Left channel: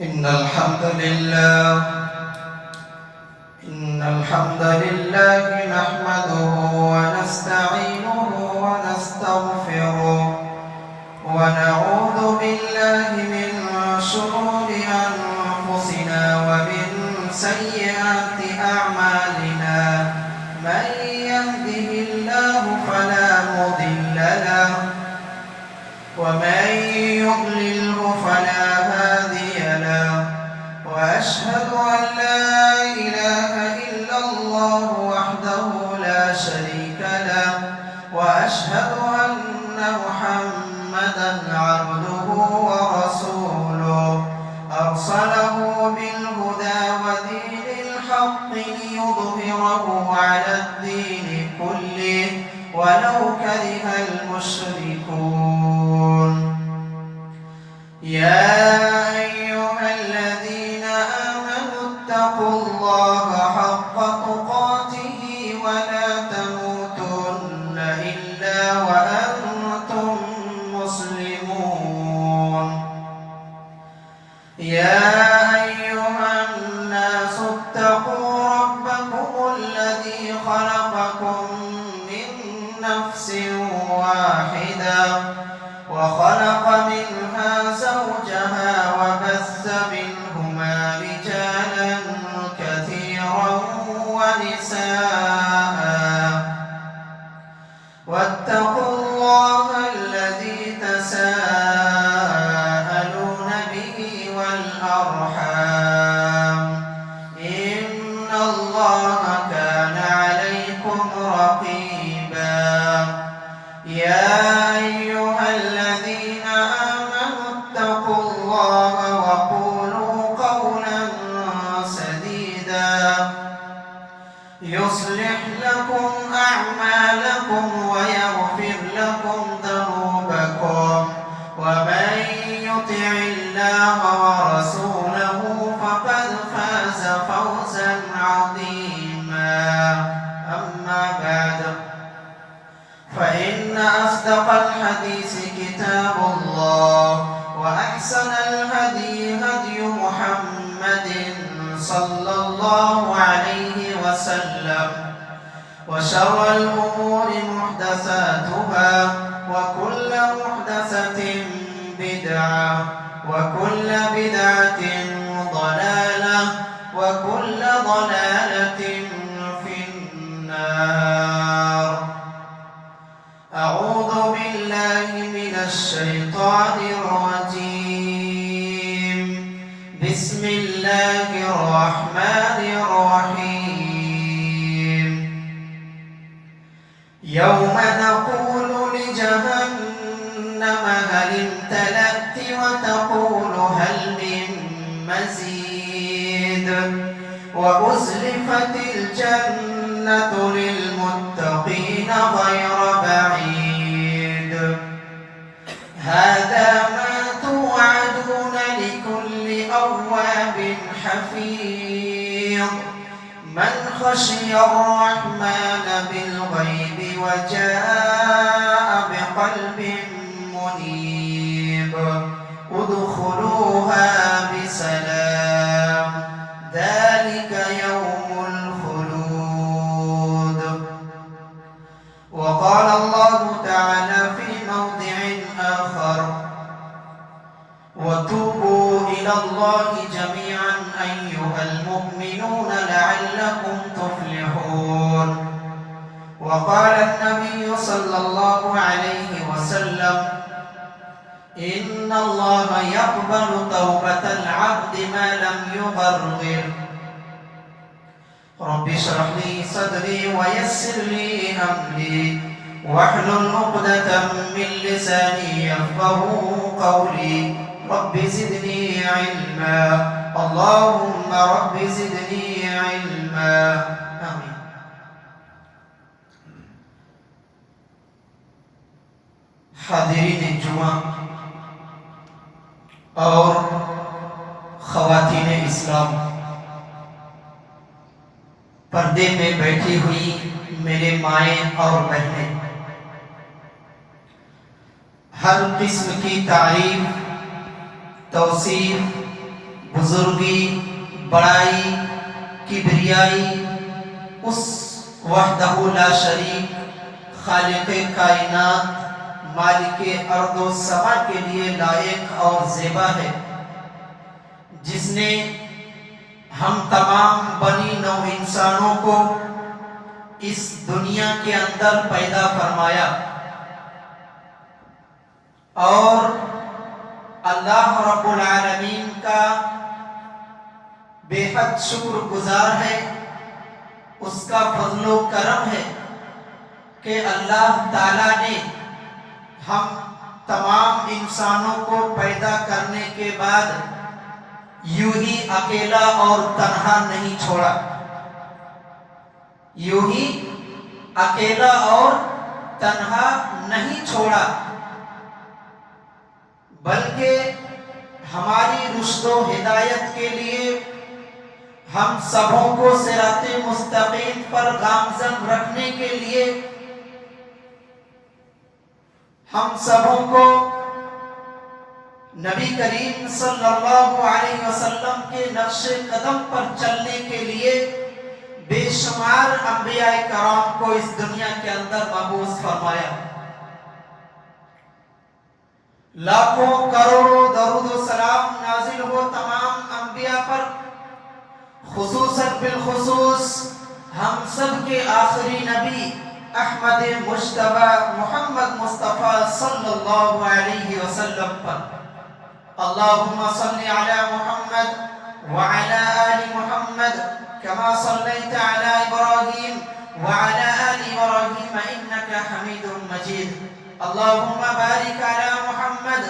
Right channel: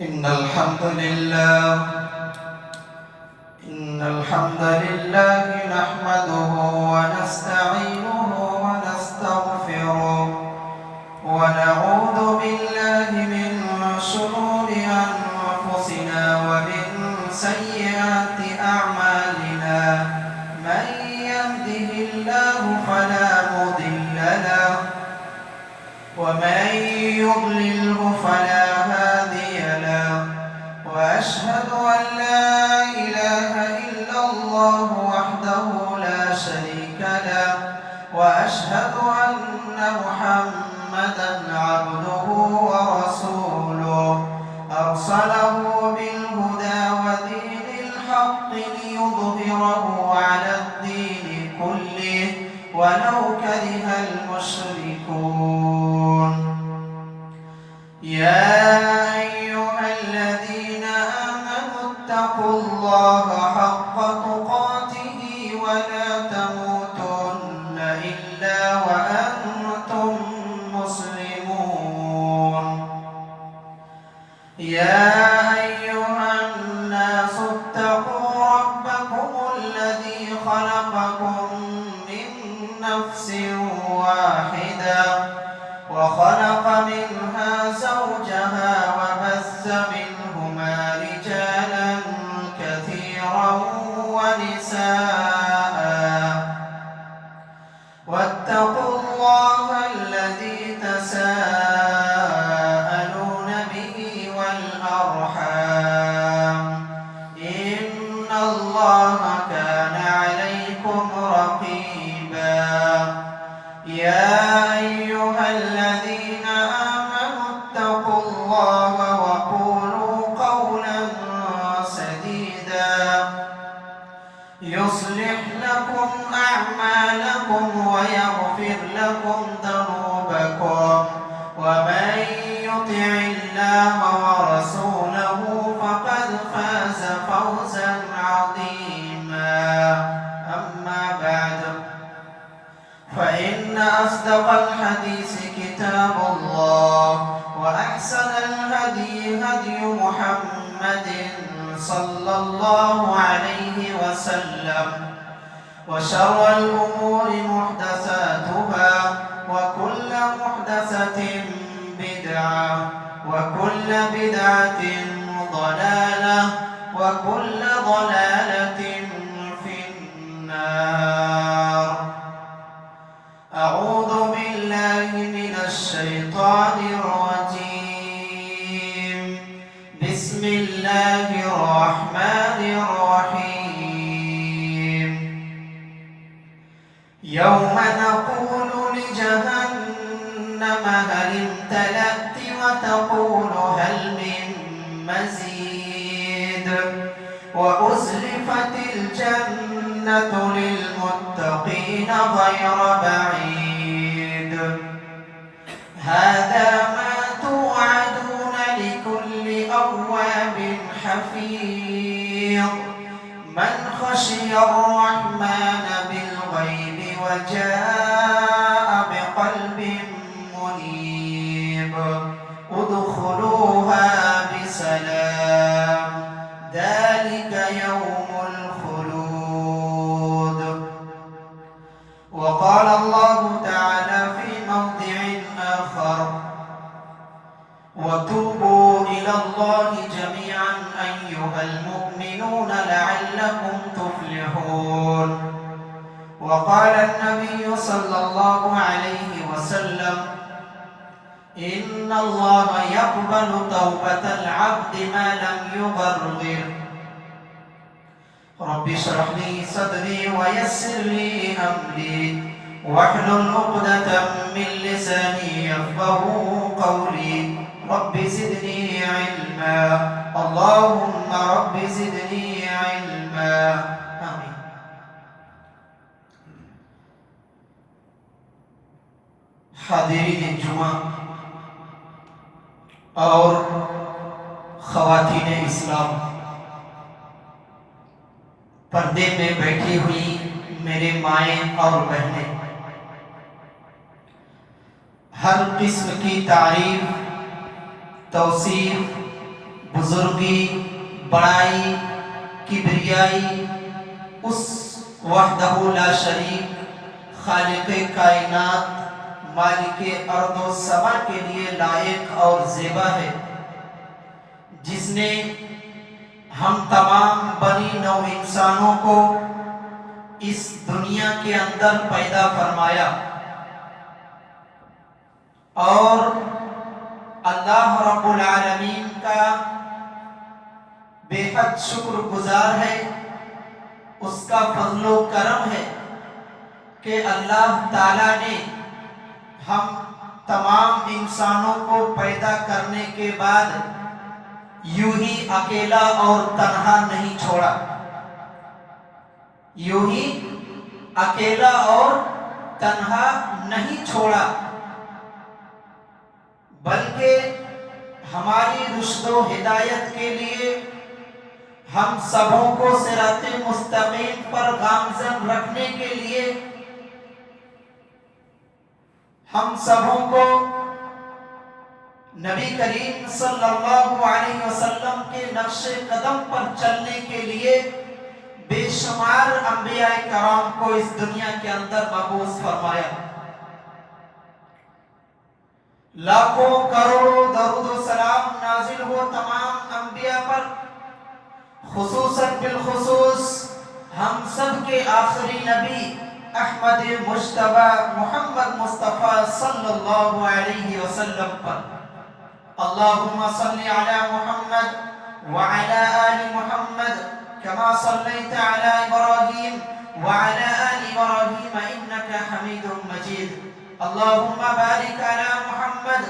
إن الحمد لله نحمده ونستعينه ونستغفره ونعوذ بالله من شرور أنفسنا ومن سيئات أعمالنا من يهده الله فلا مضل له ومن يضلله فلا هادي له وأشهد أن لا إله إلا الله وحده لا شريك له وأشهد أن محمدا عبده ورسوله أرسله بالهدى ودين الحق ليظهره على الدين كله ولو كره المشركون يا أيها الذين آمنوا اتقوا الله حق تقاته ولا تموتن إلا وأنتم مسلمون يا أيها الناس اتقوا ربكم الذي خلقكم من نفس واحدة وخلق منها زوجها وبث منهما رجالا كثيرا ونساء واتقوا الله الذي تساءلون به والأرحام إن الله كان عليكم رقيبا يا أيها الذين آمنوا اتقوا الله وقولوا قولا سديدا يصلح لكم أعمالكم ويغفر لكم ذنوبكم ومن يطع الله ورسوله فقد فاز فوزا عظيما أما بعد فإن أصدق الحديث كتاب الله وأحسن الهدي هدي محمد صلى الله عليه وسلم وشر الأمور محدثاتها وكل محدثة بدعة وكل بدعة ضلالة وكل ضلالة في النار أعوذ بالله من الشيطان الرجيم بسم الله الرحمن الرحيم يوم نقول لجهنم هل امتلأت وتقول هل من مزيد وأزلفت الجنة للمتقين غير بعيد هذا ما توعدون لكل أواب حفيظ من خشي الرحمن بالغيب وجاء بقلب منيب ادخلوها بسلام ذلك يوم الخلود وقال الله تعالى في موضع آخر وتوبوا إلى الله جميعا أيها المؤمنون لعلكم تفلحون وقال النبي صلى الله عليه وسلم إن الله يقبل توبة العبد ما لم يغرغر رب اشرح لي صدري ويسر لي أمري واحلل عقدة من لساني يفقهوا قولي رب زدني علما اللهم رب زدني علما آمين حاضرین جمعہ اور خواتین اسلام پردے میں بیٹھی ہوئی میرے مائیں اور بہنیں ہر قسم کی تعریف توصیف بزرگی، بڑائی، کبریائی اس وحدہ لا شریک خالق کائنات مالک ارض و سما کے لیے لائق اور زیبا ہے، جس نے ہم تمام بنی نوع انسانوں کو اس دنیا کے اندر پیدا فرمایا، اور اللہ رب العالمین کا بے حد شکر گزار ہے، اس کا فضل و کرم ہے کہ اللہ تعالیٰ نے ہم تمام انسانوں کو پیدا کرنے کے بعد یوں ہی اکیلا اور تنہا نہیں چھوڑا، یوں ہی اکیلا اور تنہا نہیں چھوڑا، بلکہ ہماری رشد و ہدایت کے لیے ہم سبوں کو صراط مستقیم پر گامزن رکھنے کے لیے ہم سبوں کو نبی کریم صلی اللہ علیہ وسلم کے نقش قدم پر چلنے کے لیے بے شمار انبیاء کرام کو اس دنیا کے اندر مبعوث فرمایا۔ لاکھوں کروڑوں درود و سلام نازل ہو تمام انبیاء پر، خصوصاً بالخصوص ہم سب کے آخری نبی احمد مجتبی محمد مصطفیٰ صلی اللہ علیہ وسلم پر۔ اللہم صلی علی محمد وعلی آل محمد کما صلیت علی ابراہیم وعلی آل ابراہیم انکا حمید مجید۔ اللہم بارک علی محمد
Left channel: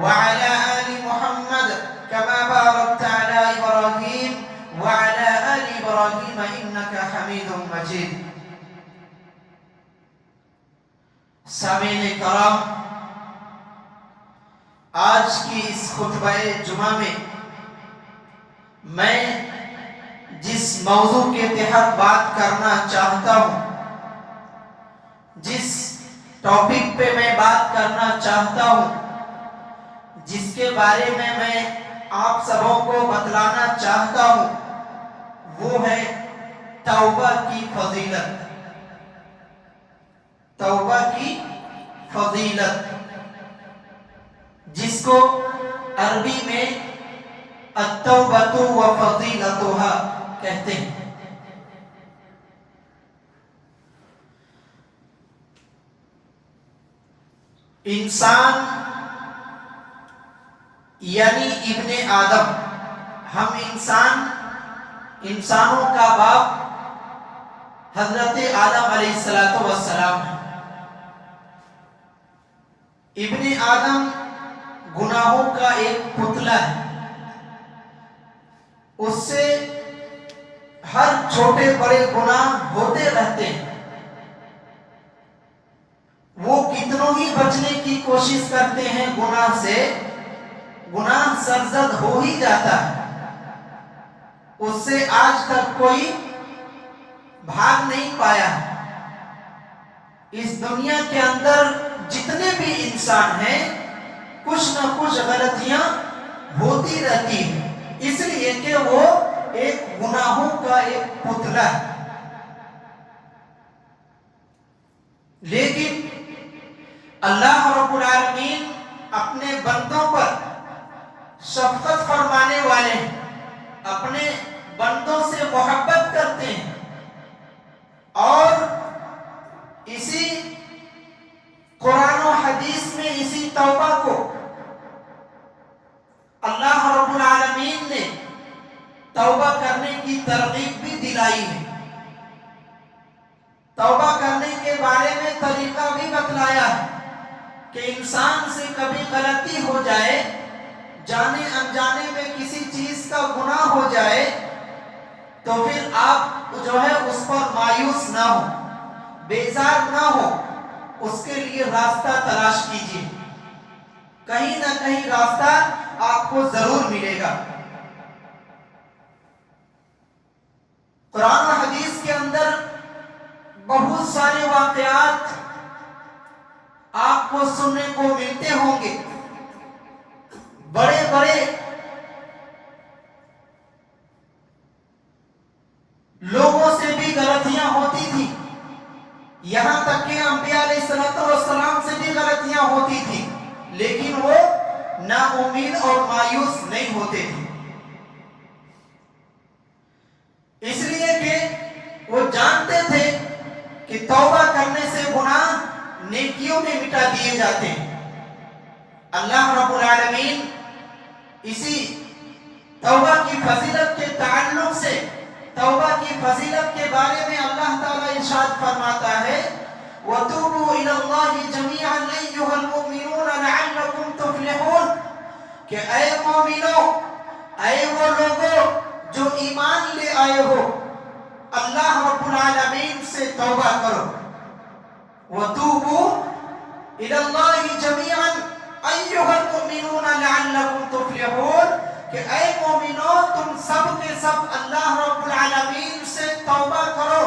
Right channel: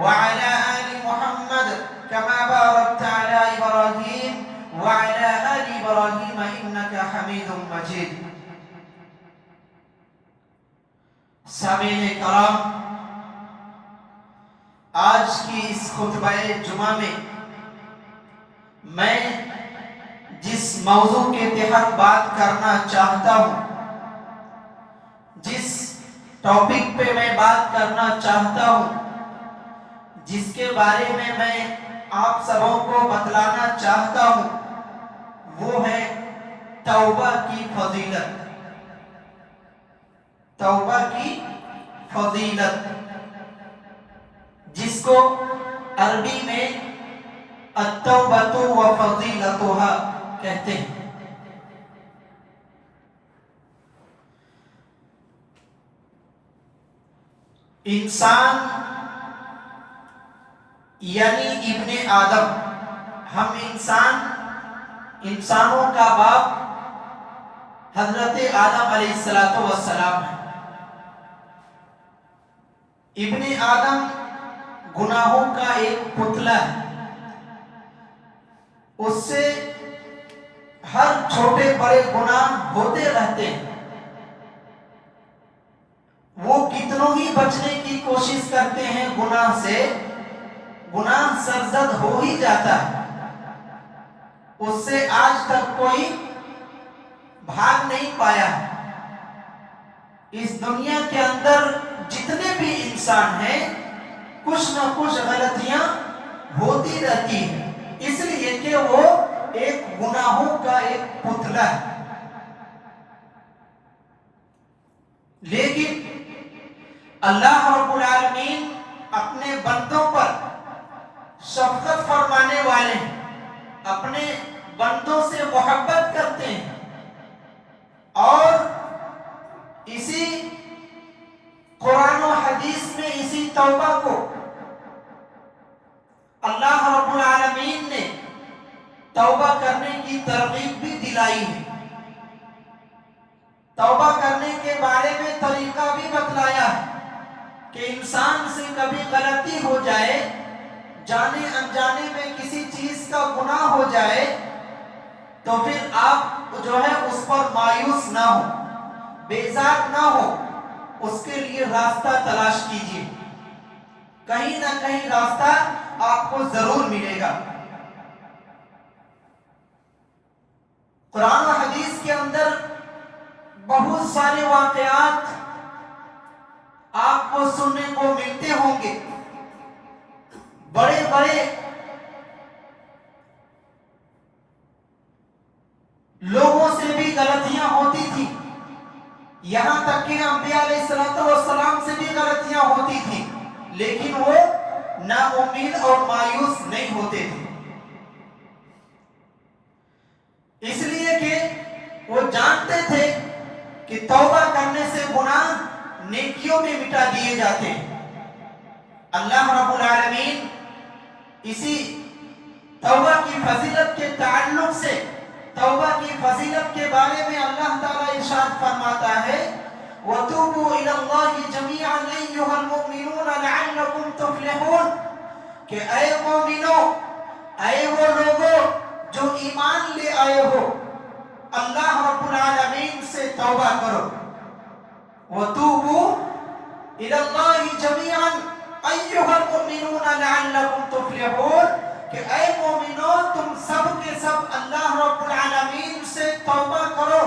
وعلی آل محمد کما بارکت علی ابراہیم وعلی آل ابراہیم انکا حمید مجید۔ سامعین کرام، آج کی اس خطبہ جمعہ میں جس موضوع کے تحت بات کرنا چاہتا ہوں، جس ٹاپک پہ میں بات کرنا چاہتا ہوں، جس کے بارے میں آپ سبوں کو بتلانا چاہتا ہوں، وہ ہے توبہ کی فضیلت۔ توبہ کی فضیلت، جس کو عربی میں التوبۃ و فضیلتها کہتے ہیں۔ انسان یعنی ابن آدم، ہم انسانوں کا باپ حضرت آدم علیہ السلام ہے۔ ابن آدم گناہوں کا ایک پتلا ہے، اس سے ہر چھوٹے بڑے گناہ ہوتے رہتے ہیں، وہ کتنوں ہی بچنے کی کوشش کرتے ہیں گناہ سے، گناہ سرزد ہو ہی جاتا ہے، اس سے آج تک کوئی بھاگ نہیں پایا۔ اس دنیا کے اندر جتنے بھی انسان ہیں، کچھ نہ کچھ غلطیاں ہوتی رہتی ہیں، اس لیے کہ وہ ایک گناہوں کا ایک پتلا ہے۔ لیکن اللہ رب العالمین اپنے بندوں پر شفقت فرمانے والے ہیں، اپنے بندوں سے محبت کرتے ہیں، اور اسی قرآن و حدیث میں اسی توبہ کو اللہ رب العالمین نے توبہ کرنے کی ترغیب بھی دلائی ہے، توبہ کرنے کے بارے میں طریقہ بھی بتلایا ہے کہ انسان سے کبھی غلطی ہو جائے، جانے انجانے میں کسی چیز کا گناہ ہو جائے، تو پھر آپ جو ہے اس پر مایوس نہ ہو، بیزار نہ ہو، اس کے لیے راستہ تلاش کیجیے، کہیں نہ کہیں راستہ آپ کو ضرور ملے گا۔ قرآن و حدیث کے اندر بہت سارے واقعات آپ کو سننے کو ملتے ہوں گے، بڑے بڑے تک کہ انبیاء علیہ السلام سے بھی غلطیاں ہوتی تھیں، لیکن وہ نا امید اور مایوس نہیں ہوتے تھے، اس لیے کہ وہ جانتے تھے کہ توبہ کرنے سے گناہ نیکیوں میں مٹا دیے جاتے ہیں۔ اللہ رب العالمین اسی توبہ کی فضیلت کے تعلق سے، توبہ کی فضیلت کے بارے میں اللہ تعالیٰ ارشاد فرماتا ہے وَتُوبُوا إِلَى اللَّهِ جَمِيعًا أَيُّهَا الْمُؤْمِنُونَ لَعَلَّكُمْ تُفْلِحُونَ کہ اے مومنو، اے وہ لوگوں جو ایمان لے آئے ہو، اللہ رب العالمین سے توبہ کرو۔ وَتُوبُوا إِلَى اللَّهِ جَمِيعًا أَيُّهَا الْمُؤْمِنُونَ لَعَلَّكُمْ تُفْلِحُونَ کہ اے مومنو تم سب کے سب اللہ رب العالمین سے توبہ کرو،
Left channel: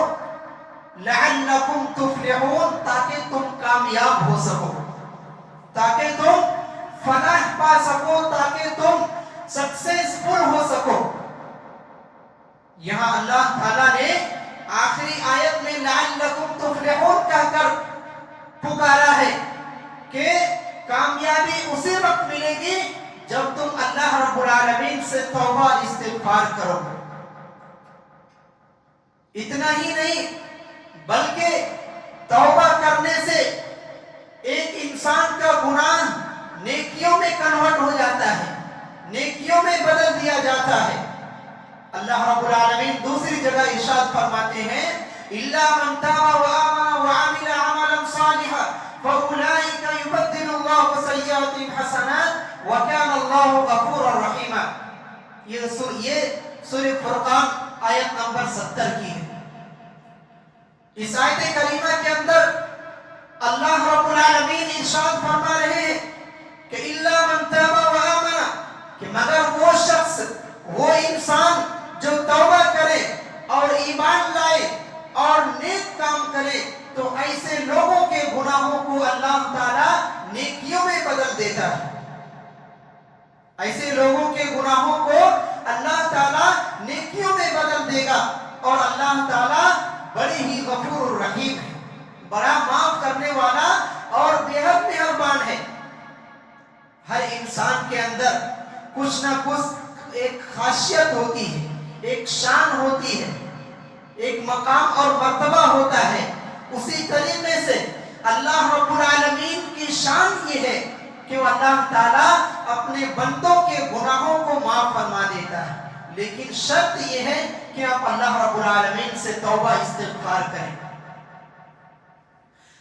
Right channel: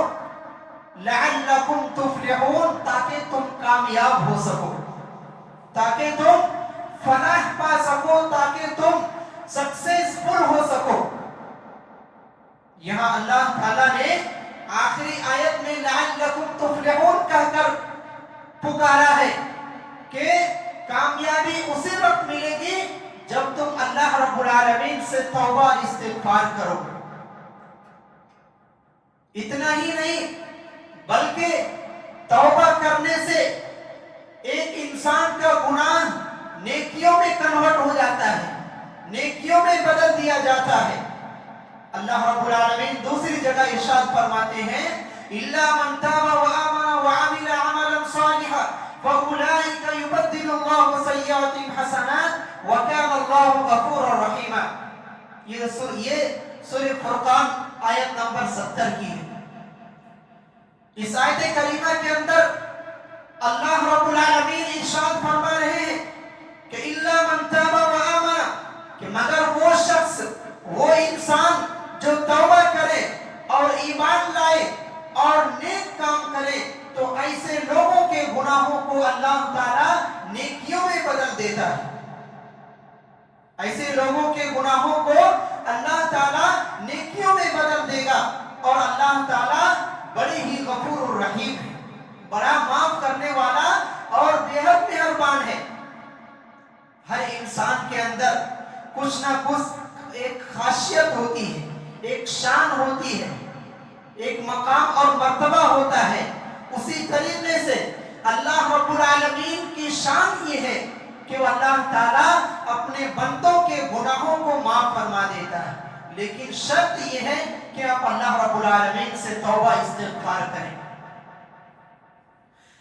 لعلکم تفلحون تاکہ تم کامیاب ہو سکو، تاکہ تم فلاح پا سکو، تاکہ تم سکسیسفل ہو سکو۔ یہاں اللہ تعالیٰ نے آخری آیت میں لعلکم تفلحون کہہ کر پکارا ہے کہ کامیابی اسی وقت ملے گی جب تم اللہ رب العالمین سے توبہ استغفار کرو۔ اتنا ہی نہیں بلکہ توبہ کرنے سے ایک انسان کا گناہ نیکیوں میں کنورٹ ہو جاتا ہے، نیکیوں میں بدل دیا جاتا ہے۔ اللہ رب العالمین دوسری جگہ ارشاد فرماتے ہیں إِلَّا مَنْ تَابَ وَآمَنَ وَعَمِلَ عَمَلًا صَالِحًا فَأُولَٰئِكَ يُبَدِّلُ اللَّهُ سَيِّئَاتِهِمْ حَسَنَاتٍ وَكَانَ اللَّهُ غَفُورًا رَحِيمًا۔ یہ سورہ فرقان آیت نمبر 70 کی ہے۔ اس آیت کریمہ کے اندر اللہ رب العالمین ارشاد فرما رہے ہیں کہ إِلَّا مَنْ تَابَ وَآمَنَ کہ مگر وہ شخص، وہ انسان جو توبہ کرے اور ایمان لائے اور نیک کام کرے تو ایسے لوگوں کے گناہوں کو اللہ تعالیٰ نیکیوں میں بدل دیتا ہے۔ ایسے لوگوں کے گناہوں کو اللہ تعالیٰ نیکیوں میں بدل دے گا، اور اللہ تعالیٰ بڑے ہی غفور الرحیم ہے، بڑا معاف کرنے والا اور بے حد مہربان ہے۔ ہر انسان کے اندر کچھ نہ کچھ ایک خاصیت ہوتی ہے، ایک شان ہوتی ہے، ایک مقام اور مرتبہ ہوتا ہے۔ اسی طریقے سے اللہ رب العالمین کی شان یہ ہے کہ وہ اللہ تعالیٰ اپنے بندوں کے گناہوں کو معاف فرما دیتا ہے، لیکن شرط یہ ہے کہ آپ اللہ رب العالمین سے توبہ استغفار کریں۔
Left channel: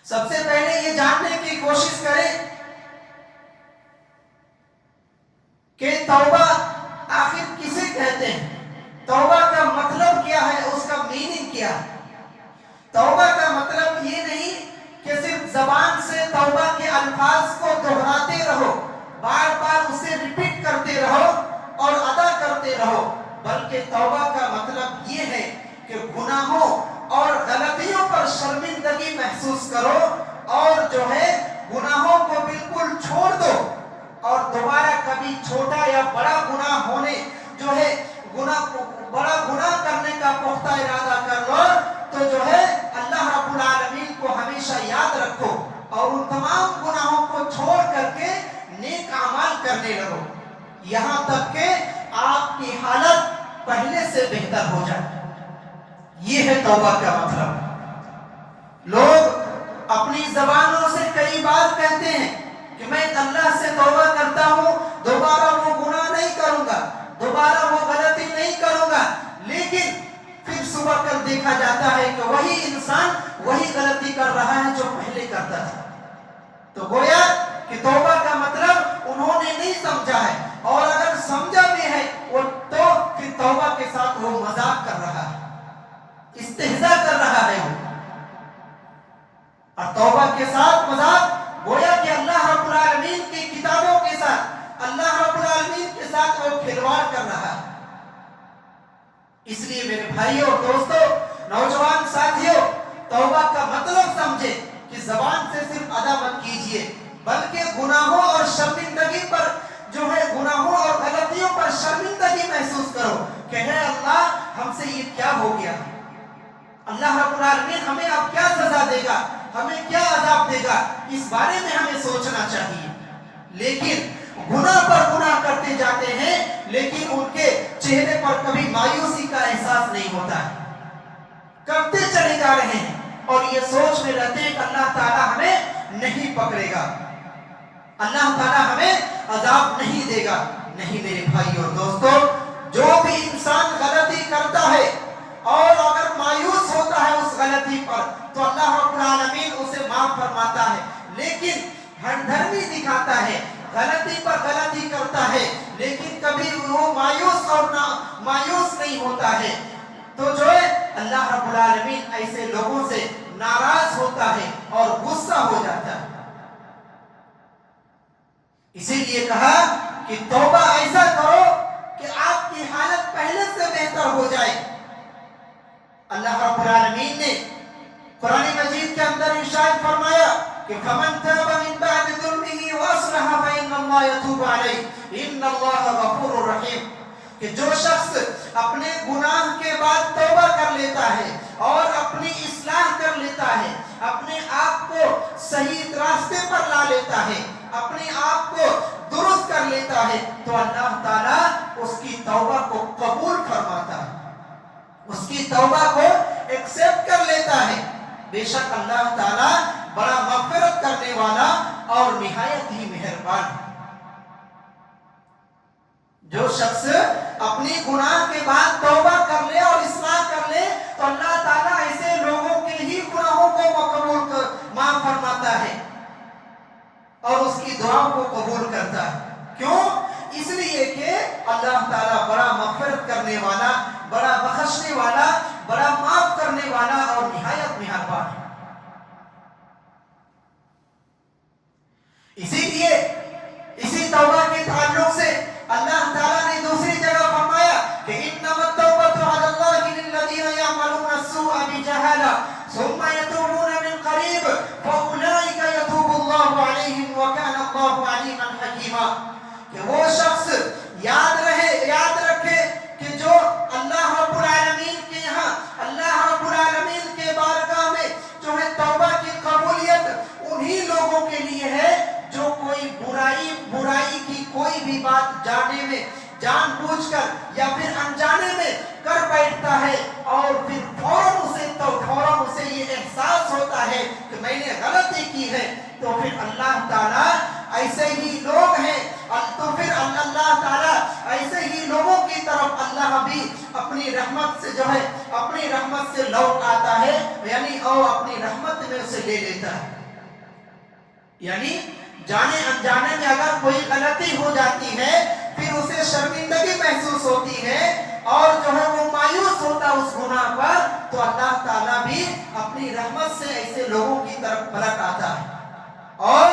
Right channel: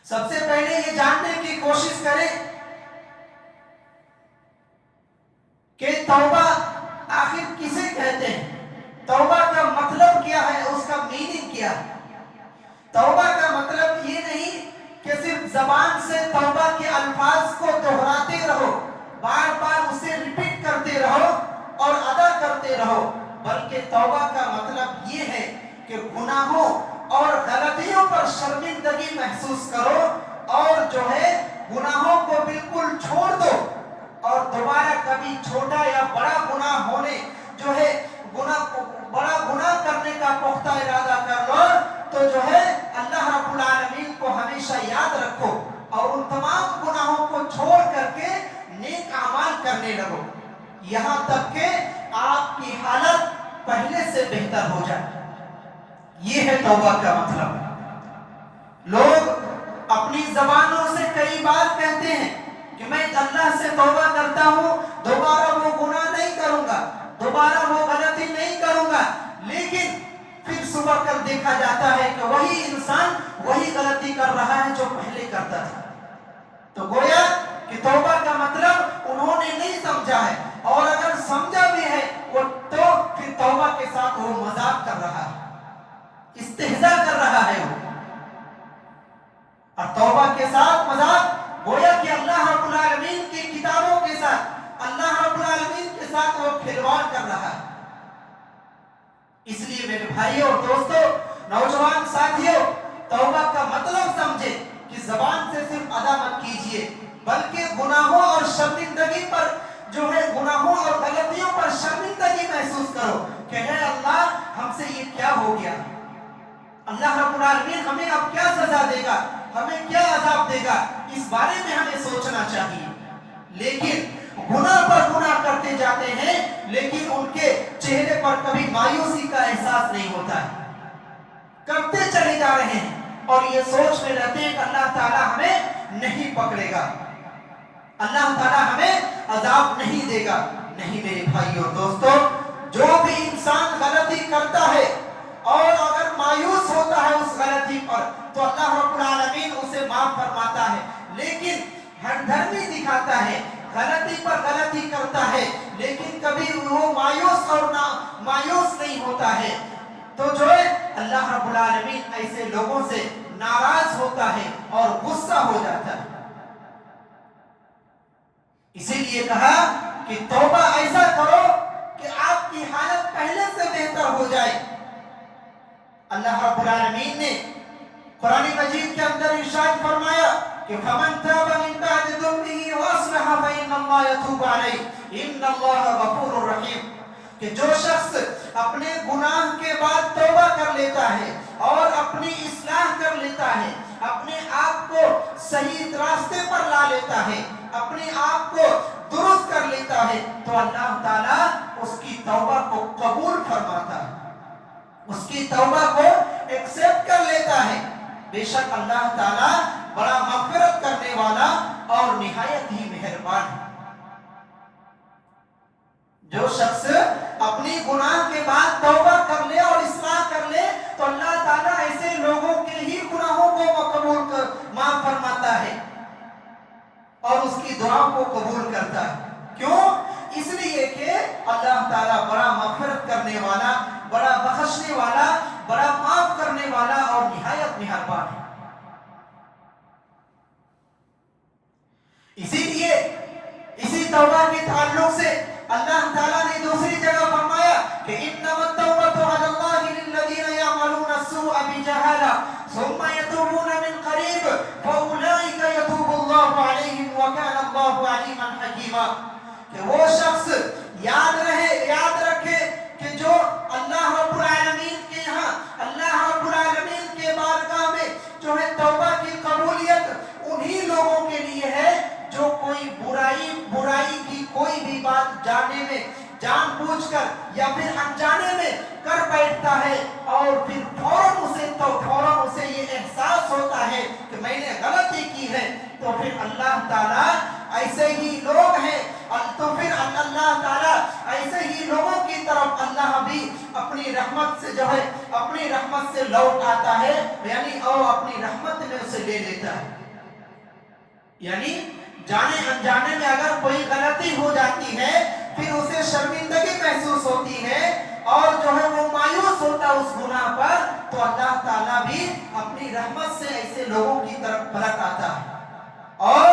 سب سے پہلے یہ جاننے کی کوشش کریں کہ توبہ آخر کسے کہتے ہیں، توبہ کا مطلب کیا ہے، اس کا میننگ کیا ہے۔ توبہ کا مطلب یہ نہیں کہ صرف زبان سے توبہ کے الفاظ کو دہراتے رہو، بار بار اسے ریپیٹ کرتے رہو اور ادا کرتے رہو، بلکہ توبہ کا مطلب یہ ہے کہ گناہوں اور غلطیوں پر شرمندگی محسوس کرو اور جو ہے گناہوں کو بالکل چھوڑ دو، اور دوبارہ کبھی چھوٹا یا بڑا گناہ ہونے جو ہے بڑا گناہ کرنے کا پختہ ارادہ کر لو تو جو ہے اللہ رب العالمین کو ہمیشہ یاد رکھو اور ان تمام گناہوں کو چھوڑ کر کے نیک اعمال کرنے لگو، یہاں تک کہ آپ کی حالت پہلے سے بہتر ہو جائے۔ یہ ہے توبہ کا مطلب۔ لوگ اپنی زبانوں سے کئی بار کہتے ہیں کہ میں اللہ سے توبہ کرتا ہوں، دوبارہ وہ گناہ نہیں کروں گا، دوبارہ وہ غلطی نہیں کروں گا، لیکن پھر صبح کر دیکھا جاتا ہے کہ وہی انسان وہی غلطی کر رہا ہے جو پہلے کرتا تھا۔ تو گویا کہ توبہ کا مطلب انہوں نے نہیں سمجھا ہے، اور اگر سمجھا بھی ہے وہ تو پھر توبہ کے ساتھ وہ مذاق کر رہا ہے، استہزاء کر رہا ہے وہ، اور توبہ کے ساتھ مذاق گویا کہ اللہ رب العالمین کی کتابوں کے ساتھ، اللہ رب العالمین کے ساتھ وہ کھلواڑ کر رہا ہے۔ اس لیے میرے بھائیوں اور دوستوں، نوجوان ساتھیوں، توبہ کا مطلب سمجھے کہ زبان سے صرف ادا مت کیجئے، بلکہ گناہوں اور شرمندگی پر جو ہے گناہوں اور غلطیوں پر شرمندگی محسوس کرو کہ اے اللہ ہم سے یہ کیا ہو گیا، اللہ رب العالمین ہمیں اب کیا سزا دے گا، ہمیں کیا عذاب دے گا، اس بارے میں ہمیں سوچنا چاہیے۔ لیکن گناہ پر گناہ کرتے جاتے ہیں، لیکن ان کے چہرے پر کبھی مایوسی کا احساس نہیں ہوتا ہے، کرتے چلے جا رہے ہیں اور یہ سوچ میں رہتے ہیں کہ اللہ تعالیٰ ہمیں نہیں پکڑے گا، اللہ تعالیٰ ہمیں عذاب نہیں دے گا۔ نہیں میرے بھائی اور دوستو، جو بھی انسان غلطی کرتا ہے اور اگر مایوس ہوتا ہے اس غلطی پر تو اللہ رب العالمین اسے معاف فرماتا ہے، لیکن ہمدردی دکھاتا ہے، غلطی پر غلطی کرتا ہے لیکن کبھی وہ مایوس نہیں ہوتا ہے، تو جو ہے اللہ رب العالمین ایسے لوگوں سے ناراض ہوتا ہے اور غصہ ہو جاتا ہے۔ اسی لیے کہا کہ توبہ ایسا کرو کہ آپ کی حالت پہلے سے بہتر ہو جائے۔ اللہ رب العالمین نے قرآن مجید کے اندر ارشاد فرمایا کہ فَمَن تَابَ مِن بَعْدِ ظُلْمِهِ وَأَصْلَحَ فَإِنَّ اللَّهَ يَتُوبُ عَلَيْهِ إِنَّ اللَّهَ غَفُورٌ رَحِيمٌ، کہ جو شخص اپنے گناہ کے بعد توبہ کر لیتا ہے اور اپنی اصلاح کر لیتا ہے، اپنے آپ کو صحیح راستے پر لا لیتا ہے، اپنے آپ کو درست کر لیتا ہے، تو اللہ تعالیٰ اس کی توبہ کو قبول فرماتا ہے، اس کی توبہ کو ایکسپٹ کر لیتا ہے۔ بے شک اللہ تعالیٰ بڑا مغفرت کرنے والا اور نہایت ہی مہربان ہے۔ جو شخص اپنی گناہ کے بعد توبہ کر لے اور اصلاح کر لے تو اللہ تعالیٰ ایسے لوگوں کے ہی گناہوں کو معاف فرماتا ہے اور اس کی دعاؤں کو قبول کرتا ہے۔ کیوں؟ اس لیے کہ اللہ تعالیٰ بڑا مغفرت کرنے والا، بڑا بخشنے والا، بڑا معاف کرنے والا اور نہایت مہربان ہے۔ اسی لیے اسی توبہ کے تعلق سے اللہ تعالیٰ نے دوسری جگہ فرمایا کہ انما التوبۃ علی اللہ للذین یعملون السوء بجہالۃ ثم یتوبون من قریب فاولئک یتوب اللہ علیہم وکان اللہ علیما حکیما، کہ وہ شخص یاد رکھے کہ جو اللہ رب العالمین کے یہاں، اللہ رب العالمین کے بارگاہ میں جو ہے توبہ کی قبولیت انہی لوگوں کے لیے ہے جو کوئی برائی کی کوئی بھی بات جان بوجھ کر یا پھر انجانے میں کر بیٹھتا ہے اور پھر فوراً اسے یہ احساس ہوتا ہے کہ میں نے غلطی کی ہے، تو پھر اللہ تعالیٰ ایسے ہی لوگ ہیں، تو پھر اللہ تعالیٰ ایسے ہی لوگوں کی طرف اللہ بھی اپنی رحمت سے جو ہے اپنی رحمت سے لوٹ آتا ہے، یعنی اپنی رحمت میں اسے لے لیتا ہے۔ یعنی جانے انجانے میں اگر کوئی غلطی ہو جاتی ہے پھر اسے شرمندگی محسوس ہوتی ہے اور جو ہے وہ مایوس ہوتا اس گناہ پر، تو اللہ تعالیٰ بھی اپنی رحمت سے ایسے لوگوں کی طرف پلٹ آتا ہے اور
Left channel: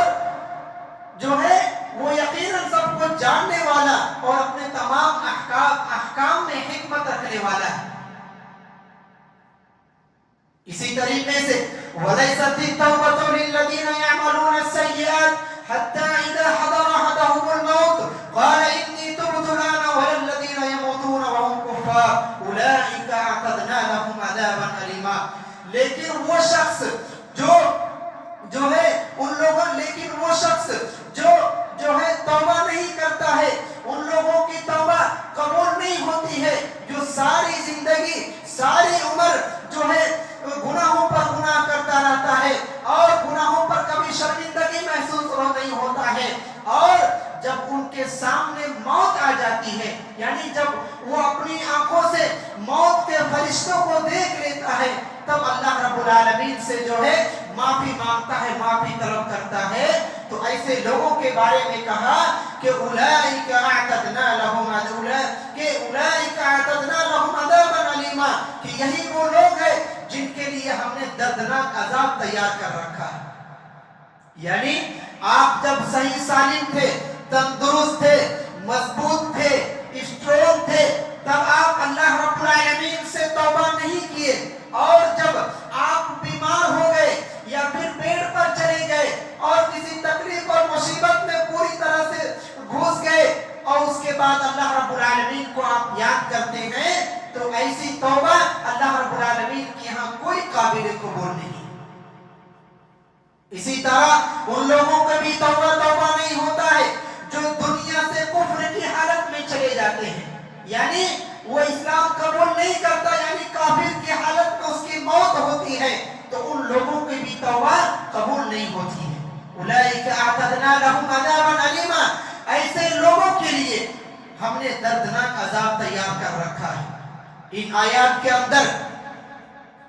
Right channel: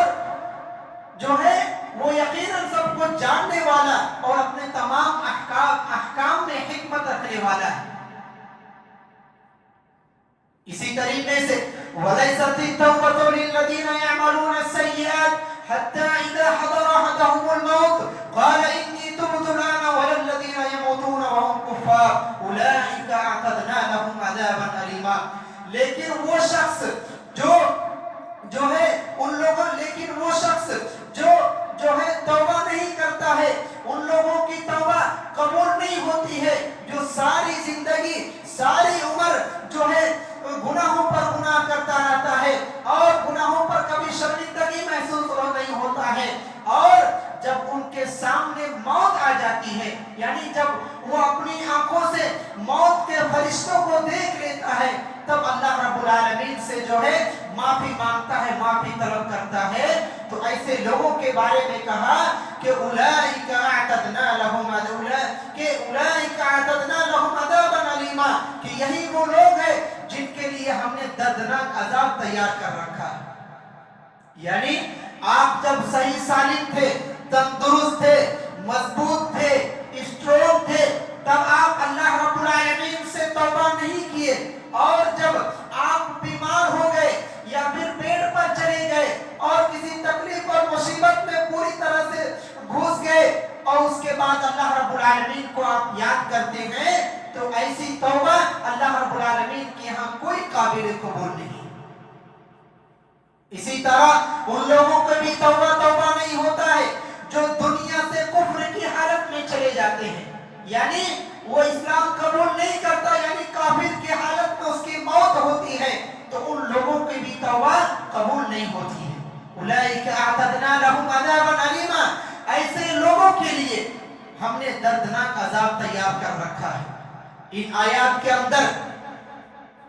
جو ہے وہ یقیناً سب کو جاننے والا اور اپنے تمام احکام میں حکمت رکھنے والا ہے۔ اسی طریقے سے وَلَيْسَتِ التَّوْبَةُ لِلَّذِينَ يَعْمَلُونَ السَّيِّئَاتِ حَتَّى إِذَا حَضَرَ أَحَدَهُمُ الْمَوْتُ قَالَ إِنِّي تُبْتُ الْآنَ وَلَا الَّذِينَ يَمُوتُونَ وَهُمْ كُفَّارٌ أُولَئِكَ أَعْتَدْنَا لَهُمْ عَذَابًا أَلِيمًا، لیکن وہ شخص جو ہے ان لوگوں لیکن وہ شخص جو ہے توبہ نہیں کرتا ہے، ان لوگوں کی توبہ قبول نہیں ہوتی ہے جو ساری زندگی ساری عمر جو ہے گناہوں پر گناہ کرتا رہتا ہے اور گناہوں پر کبھی شرمندگی محسوس نہیں ہوتا ہے، اور جب ان کے سامنے موت آ جاتی ہے، یعنی جب وہ اپنی آنکھوں سے موت کے فرشتوں کو دیکھ لیتا ہے، تب اللہ رب العالمین سے جو ہے معافی مانگتا ہے، معافی طلب کرتا ہے۔ تو ایسے لوگوں کے بارے میں کہا کہ اولئک اعتدنا لهم عذابا علیما، کہ یہی وہ لوگ ہیں جن کے لیے ہم نے دردناک عذاب تیار کر رکھا ہے۔ یعنی آپ جب صحیح سالم تھے، تندرست تھے، مضبوط تھے، اسٹرانگ تھے، تب آپ اللہ رب العالمین سے توبہ نہیں کیے، اور جب آپ بیمار ہو گئے یا پھر بیڈ پر چلے گئے اور کسی تکلیف اور مصیبت میں پوری طرح سے گھس گئے اور اس کے بعد اللہ رب العالمین کو آپ یاد کرتے ہیں، تو ایسی توبہ اللہ رب العالمین کے یہاں کوئی قابل قبول نہیں۔ اسی طرح ان لوگوں کو بھی توبہ نہیں ہوتا ہے جو دنیا سے کفر کی حالت میں چلے جاتے ہیں، یعنی وہ اسلام قبول نہیں کرتا، یعنی کافر کی حالت میں اس کی موت ہوتی ہے، تو ان لوگوں کی بھی توبہ قبول نہیں ہوتی ہے۔ اولئک اعتدنا لهم عذابا الیما، ایسے لوگوں کے لیے ہم نے دردناک عذاب تیار کر رکھا ہے۔ ان آیات کے اندر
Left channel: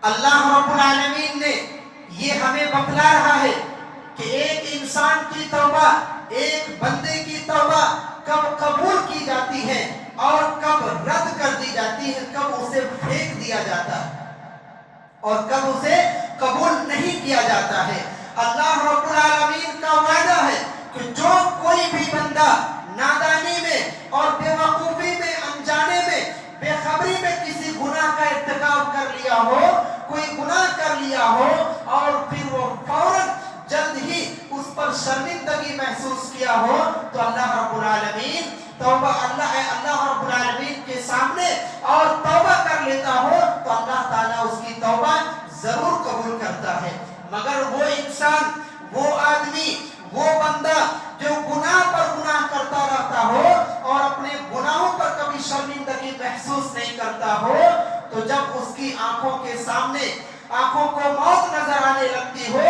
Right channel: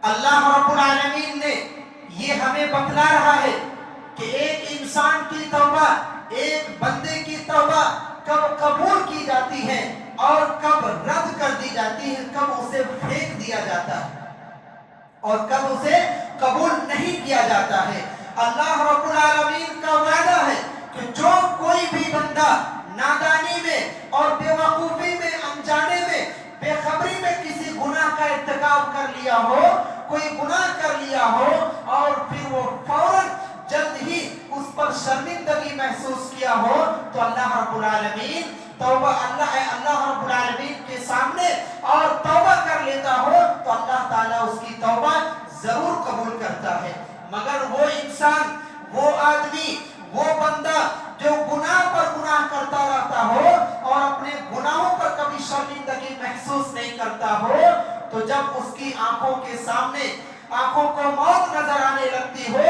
اللہ رب العالمین نے یہ ہمیں بتلا رہا ہے کہ ایک انسان کی توبہ، ایک بندے کی توبہ کب قبول کی جاتی ہے اور کب رد کر دی جاتی ہے، کب اسے پھینک دیا جاتا ہے اور کب اسے قبول نہیں کیا جاتا ہے۔ اللہ رب العالمین کا وعدہ ہے کہ جو کوئی بھی بندہ نادانی میں اور بے وقوفی میں، انجانے میں، بے خبری میں کسی گناہ کا ارتکاب کر لیا ہو، کوئی گناہ کر لیا ہو اور پھر وہ فوراً جلد ہی اس پر شرمندگی محسوس کیا ہو، تو اللہ رب العالمین اللہ رب العالمین کے سامنے اور توبہ کر لیتا ہو تو اللہ تعالیٰ اس کی توبہ ضرور قبول کرتا ہے۔ مگر وہ انسان، وہ آدمی، وہ بندہ جو گناہ پر گناہ کرتا رہتا ہو اور اپنے گناہوں پر کبھی شرمندگی محسوس نہیں کرتا ہو، تو جب اس کی آنکھوں کے سامنے آنکھوں کو موت نظر آنے لگتی ہو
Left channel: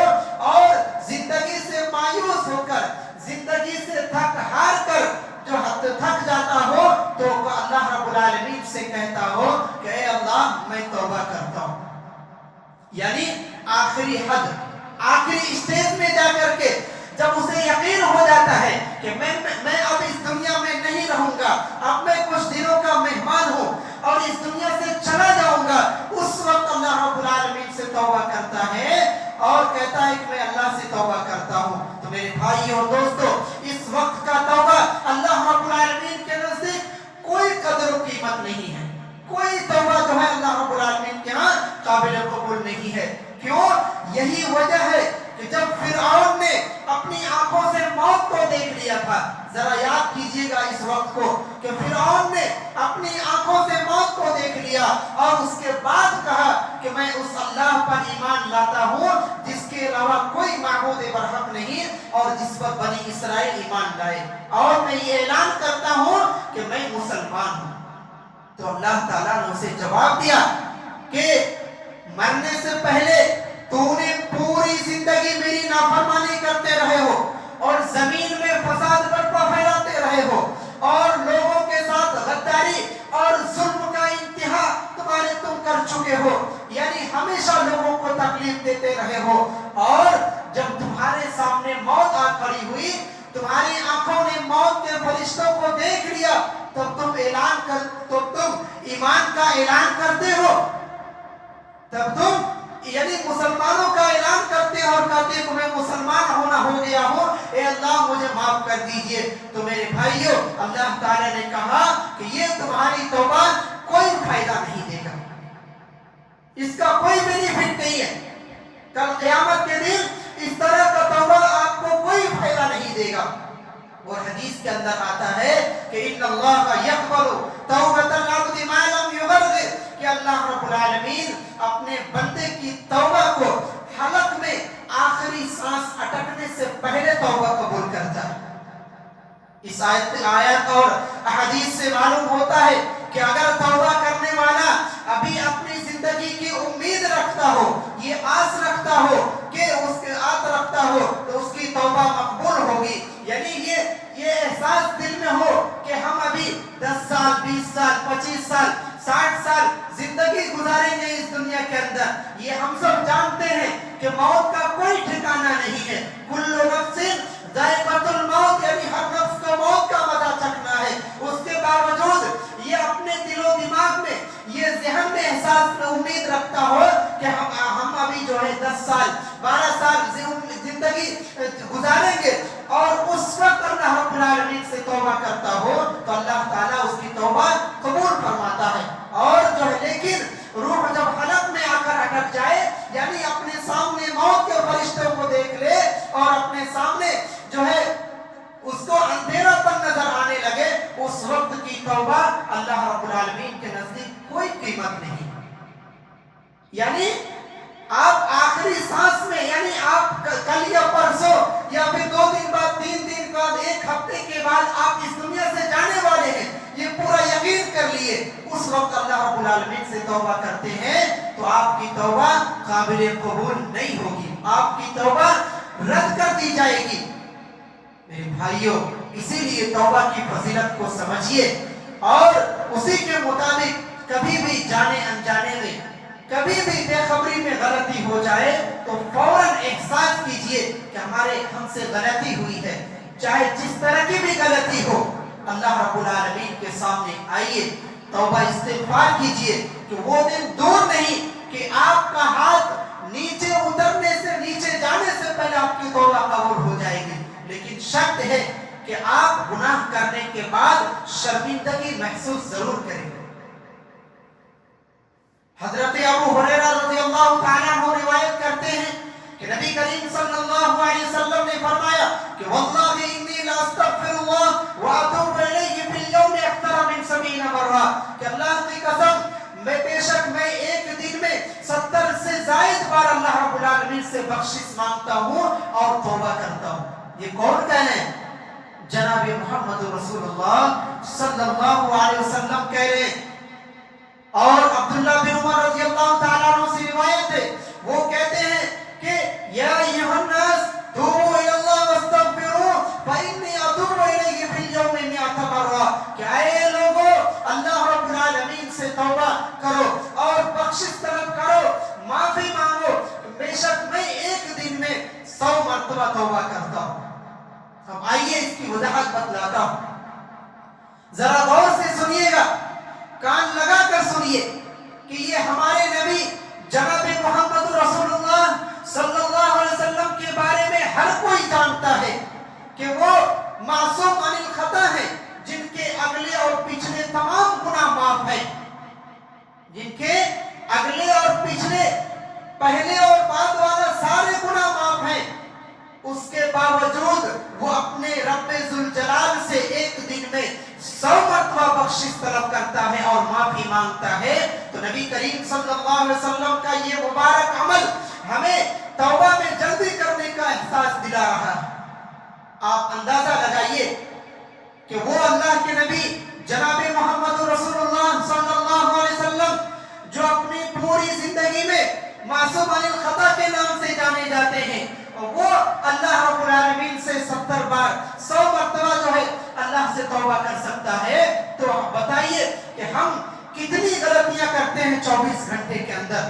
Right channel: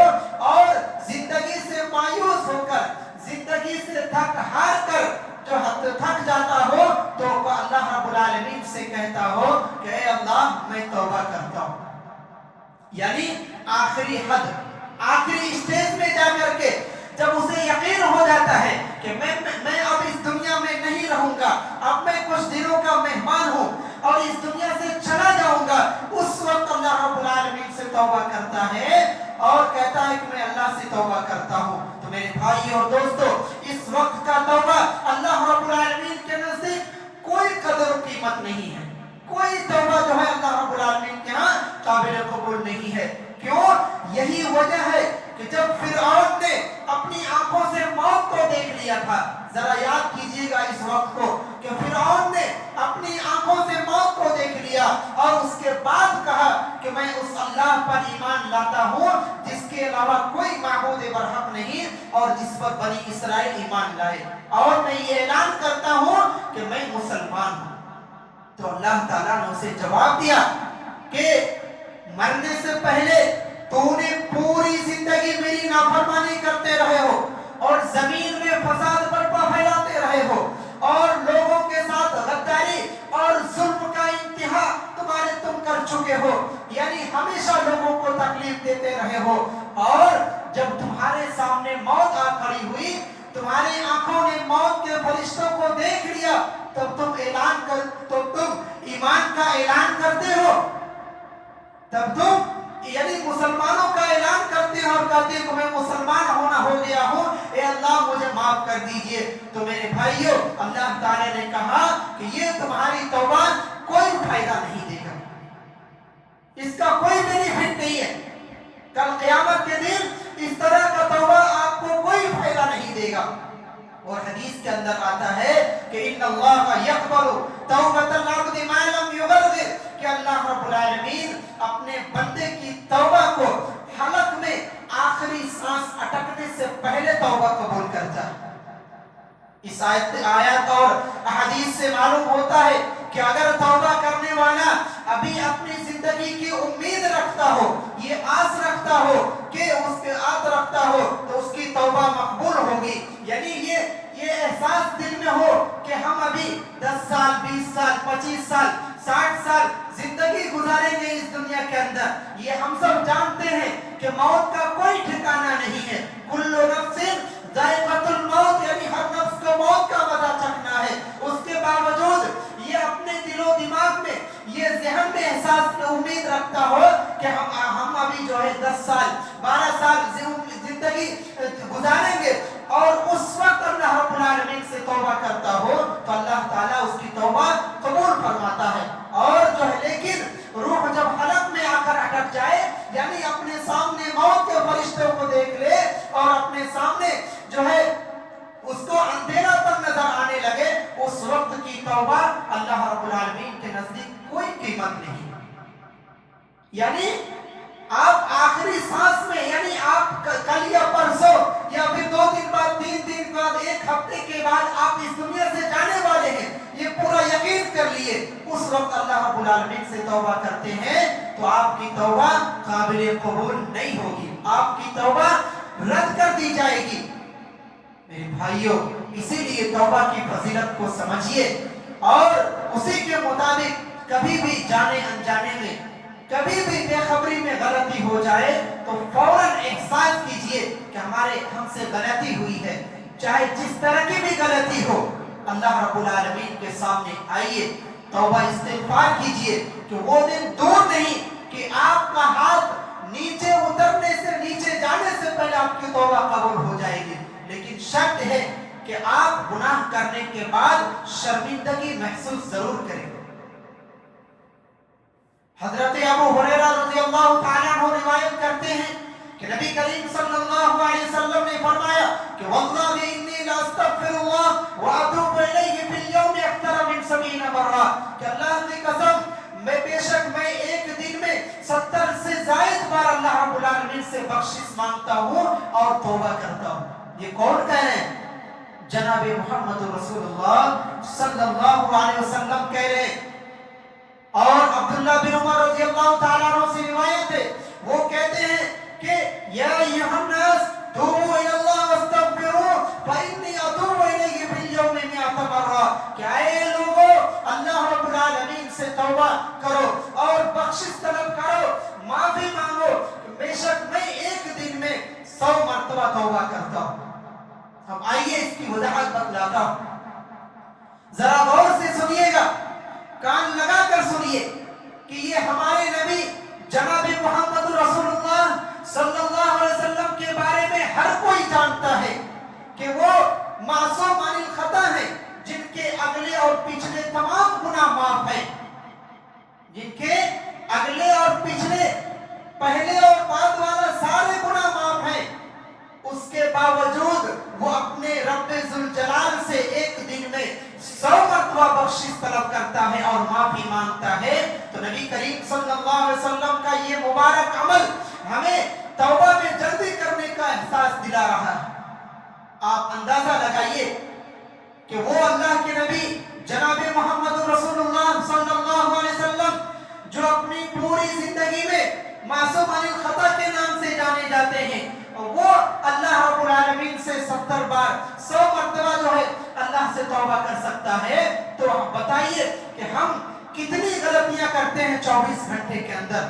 اور زندگی سے مایوس ہو کر، زندگی سے تھک ہار کر جو حد تھک جاتا ہو، تو اللہ رب العالمین سے کہتا ہو کہ اے اللہ میں توبہ کرتا ہوں، یعنی آخری حد، آخری اسٹیج میں جا کر کے جب اسے یقین ہو جاتا ہے کہ میں اب اس دنیا میں نہیں رہوں گا، اب میں کچھ دنوں کا مہمان ہوں اور اس دنیا سے چلا جاؤں گا، اس وقت اللہ رب العالمین سے توبہ کرتا ہے اور کہتا ہے کہ میں اللہ سے توبہ کرتا ہوں۔ تو میرے بھائی اور دوستو، اس وقت کا توبہ اللہ رب العالمین کے نزدیک کوئی قدر و قیمت نہیں ہے، کوئی توبہ جو ہے اللہ رب العالمین کے ہاں قابل قبول نہیں ہے۔ کیوں؟ یہی وجہ ہے کہ جب فرعون نے اپنی آنکھوں سے موت کو دیکھ لیا تھا، ذرا یاد کیجئے گا اس وقت کو کہ فرعون نے اپنی آنکھوں سے موت کو دیکھ لیا اور اس کے بعد کہا کہ میں اس اللہ پر ایمان لاتا ہوں جس کے علاوہ کوئی معبود برحق نہیں اور جس پر بنی اسرائیل ایمان لائے، اور میں یہ اعلان کرتا ہوں کہ میں مسلمان ہوں۔ تو اللہ تعالیٰ نے اسے جواب دیا کہ مرنے سے پہلے تو نے پوری زندگی میری نافرمانی کرتے رہے ہو اور زمین میں فساد برپا پھیلاتے رہے ہو اور لوگوں کے ساتھ غداری اور ظلم کا انتہا تم کر چکے ہو، یعنی ہمیشہ لوگوں کو تکلیف دیتے رہے ہو، اور جب تمہارے سامنے موت آ کھڑی ہوئی، تمہاری آنکھوں نے موت کے فرشتوں کو دیکھ لیا، تو تم ایمان کا اعلان کرتے ہو، تب تم یعنی مسلمانوں کا اعلان کرتے ہیں اور کہتے ہیں کہ میں مسلمان ہو گیا ہوں، اے اللہ مجھے معاف کر دیجئے۔ تو میرے بھائیوں، اللہ تعالیٰ نے کہا کہ یہ تمہاری توبہ کوئی فائدہ نہیں دے گا، اس کا کوئی بینیفٹ نہیں ہے، کل قیامت کے دن اس طرح کا توبہ آپ کو کوئی فائدہ نہیں دے گا۔ اور حدیث کے اندر آتا ہے کہ ان اللہ یقبل توبۃ العبد ما لم یغرغر، کہ اللہ رب العالمین اپنے بندے کی توبہ کو حلق میں آخری سانس اٹکنے سے پہلے توبہ قبول کرتا ہے۔ اس آیت اور احادیث سے معلوم ہوتا ہے کہ اگر توبہ کرنے والا ابھی اپنی زندگی کی امید رکھتا ہو، یہ آس رکھتا ہو کہ تو اس کی توبہ مقبول ہوگی، یعنی یہ احساس دل میں ہو کہ ہم ابھی 10 سال 20 سال 25 سال 60 سال زندگی گزاریں گے اس دنیا کے اندر۔ یہ ہم سب جانتے ہیں کہ موت کا کوئی ٹھکانہ نہیں ہے، کل نفس ذائقۃ الموت، یعنی ہر نفس کو موت کا مزہ چکھنا ہے۔ اس کے باوجود یہ اپنے دل و دماغ میں، یہ ذہن میں احساس میں امید رکھتا ہو کہ ہم ابھی جو ہے 10 سال 12 سال زندگی گزاریں گے، اور اس وقت اللہ رب العالمین سے توبہ کرتا ہو تو اللہ تعالیٰ اس کی توبہ قبول فرماتا ہے۔ اور جو ہے لیکن روح جب حلق میں آ کر اٹک جائے، یعنی اپنے سامنے موت کے فرشتوں کو دیکھ لے اور اپنے سامنے جو ہے اس کو اندھیرا تک نظر آنے لگے، اس وقت کی توبہ اللہ رب العالمین کے نزدیک کوئی قیمت نہیں۔ یعنی آپ آخری سانس میں، یعنی آپ کل یا بعد آپ اس دنیا سے جانے والے ہیں، یہ پورا یقین کر لیے، اس وقت اللہ رب العالمین سے توبہ کرتے ہیں تو آپ کی توبہ قابل قبول نہیں ہوگی، آپ کی توبہ رد کر دی جائے گی۔ میرے بھائیوں، اسی لیے توبہ کی فضیلت کو سمجھیے اور اسی کے مطابق کبھی بھی جانے انجانے میں، کبھی بھی بے خبری میں غلطی ہو جائے تو فوراً احساس کیجئے کہ ہم سے غلطی ہوئی ہے، چاہے جس طرح کی بھی غلطی ہو، اللہ رب العالمین کے سامنے آئیے، توبہ استغفار کیجئے کہ وہ دن دور نہیں کہ آپ کا ہاتھ نیچے اترنے سے، نیچے جانے سے پہلے آپ کی توبہ قبول ہو جائے گی، لیکن شرط ہے کہ آپ گناہ کرنے کے بعد شرمندگی محسوس ضرور کریں۔ حضرت ابو ہریرہ رضی اللہ تعالیٰ عنہ روایت کرتے ہیں کہ نبی کریم صلی اللہ علیہ وسلم نے فرمایا کہ واللہ انی لا استغفر اللہ واتوب الیہ فی اليوم اکثر من 70 مرہ، کہ اللہ کی قسم بے شک میں ایک دن میں 70 سے زائد بار اللہ رب العالمین سے بخشش مانگتا ہوں اور توبہ کرتا ہوں۔ یہ کون کہہ رہے ہیں؟ جناب محمد رسول اللہ صلی اللہ علیہ وسلم کہہ رہے ہیں۔ اور عبداللہ بن عمر رضی اللہ تعالیٰ عنہ سے روایت ہے، وہ کہتے ہیں کہ یا ایھا الناس توبوا الی اللہ واستغفروا فانی اتوب الیہ فی اليوم 100 مرہ، کہ اے لوگو اللہ رب العالمین سے توبہ کرو اور بخشش طلب کرو، معافی مانگو، بے شک میں ایک دن میں 100 مرتبہ توبہ کرتا ہوں۔ اب آئیے اس کی وضاحت بتلاتا ہوں، ذرا غور سے سنیے گا، کان لگا کر سنیے کہ یہ ہمارے نبی جناب محمد رسول اللہ صلی اللہ علیہ وسلم کے بارے میں ہر کوئی جانتا ہے کہ وہ معصوم عن الخطا ہیں، جن کے اگلے اور پچھلے تمام گناہ معاف ہیں، جن کے اگلے اور پچھلے، پہلے اور بعد والا سارے گناہ معاف ہیں، اس کے باوجود وہ اپنے رب ذوالجلال سے ایک دن میں 100 مرتبہ بخشش طلب کرتا ہے اور معافی مانگتا ہے۔ تو نبی کریم صلی اللہ علیہ وسلم کا یہ مبارک عمل ہمیں توبہ میں جلدی کرنے کا احساس دلا رہا ہے۔ آپ اندازہ لگائیے کہ وہ اللہ کے نبی جناب محمد رسول اللہ صلی اللہ علیہ وسلم جو اپنی پوری زندگی میں معصوم عن الخطا کے نام سے جانے جاتے ہیں، اور وہ اللہ رب العالمین سے 70 بار 100 مرتبہ جو ہے اللہ سے توبہ کر سکتا ہے، تو بتائیے کہ ہم کتنی غلطیاں کرتے ہیں 24 گھنٹے کے اندر،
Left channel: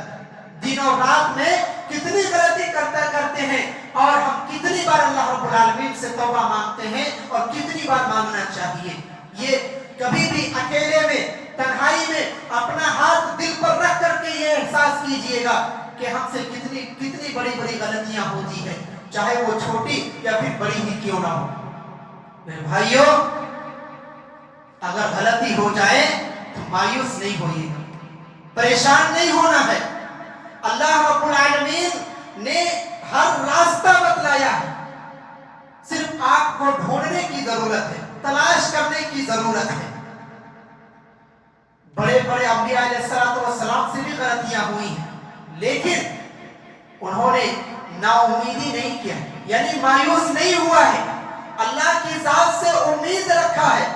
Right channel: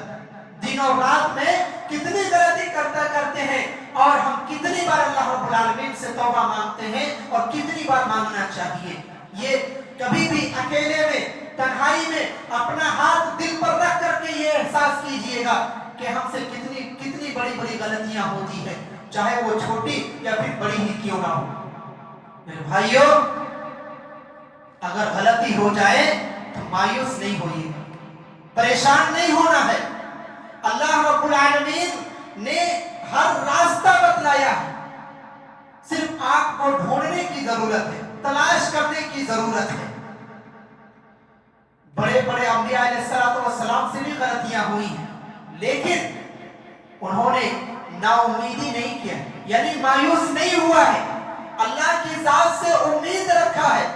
دن اور رات میں کتنی غلطی کرتے ہیں، اور ہم کتنی بار اللہ رب العالمین سے توبہ مانگتے ہیں اور کتنی بار مانگنا چاہیے۔ یہ کبھی بھی اکیلے میں، تنہائی میں اپنا ہاتھ دل پر رکھ کر کے یہ احساس کیجئے گا کہ ہم سے کتنی بڑی بڑی غلطیاں ہوتی ہیں، چاہے وہ چھوٹی یا پھر بڑی ہی کیوں نہ ہو۔ میرے بھائیوں، اگر غلطی ہو جائے تو مایوس نہیں ہوئیے، پریشان نہیں ہونا ہے۔ اللہ رب العالمین نے ہر راستہ بتلایا ہے، صرف آپ کو ڈھونڈنے کی ضرورت ہے، تلاش کرنے کی ضرورت ہے۔ بڑے بڑے انبیاء علیہ السلام سے بھی غلطیاں ہوئی ہیں، لیکن انہوں نے نا امیدی نہیں کیا، یعنی مایوس نہیں ہوا ہے، اللہ کی ذات سے امید رکھا ہے۔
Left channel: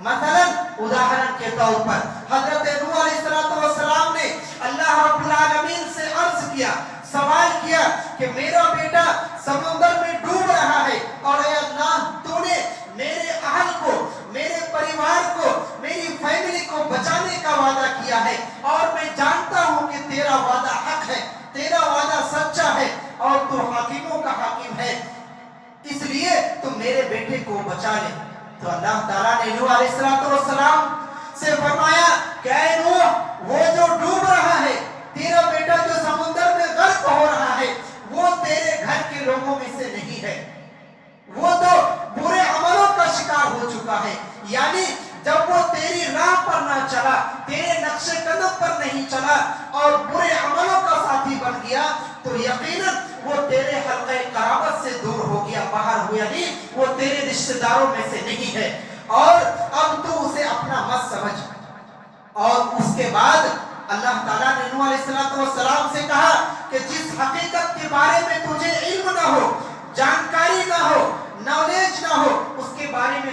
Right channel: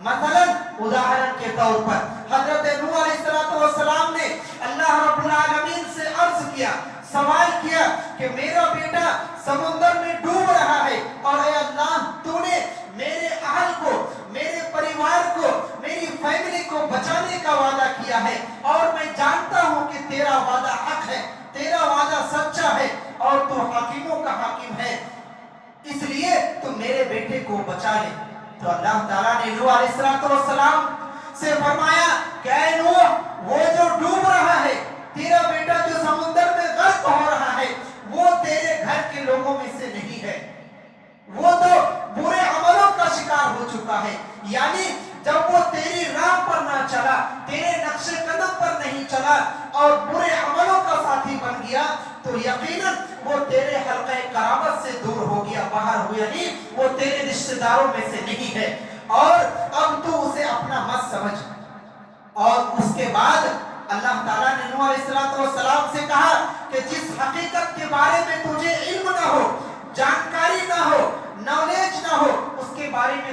مثلا اداہرن کے طور پر حضرت نوح علیہ السلام نے اللہ رب العالمین سے عرض کیا، سوال کیا کہ میرا بیٹا سمندر میں ڈوب رہا ہے، اور اے اللہ تو نے میرے اہل کو، میرے پریوار کو، میری فیملی کو بچانے کا وعدہ کیا ہے، اور میں جانتا ہوں کہ تیرا وعدہ حق ہے، تیرا وعدہ سچا ہے، اور تو حکیموں کا حکیم ہے، اس لیے تو میرے بیٹے کو بچا لے۔ تو اللہ تعالیٰ نے نوح علیہ السلام سے فرمایا کہ اے نوح، وہ جو ڈوب رہا ہے، تیرا بیٹا جو سمندر میں غرق ہو رہا ہے، وہ تیرے گھر کے لوگوں میں سے نہیں ہے، وہ تو برے عملوں کا شکار ہو چکا ہے، یعنی جب وہ تیری راہ پر نہ چلا، تیرے نقش قدم پر نہیں چلا اور برے عملوں کا ساتھی بن گیا، تو یقیناً وہ تیرے حلقہ قرابت سے دور ہو گیا، باہر ہوا نہیں، وہ تیرے رشتہ داروں میں سے نہیں ہے، اور اب تو اسے اپنا مت سمجھ۔ اور اس کے بعد اللہ تعالیٰ نے نوح علیہ السلام سے کہا کہ جس حقیقت کے بارے میں تجھے علم نہ ہو، جانکاری نہ ہو، نالج نہ ہو، اس کے بارے میں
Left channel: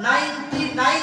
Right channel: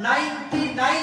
99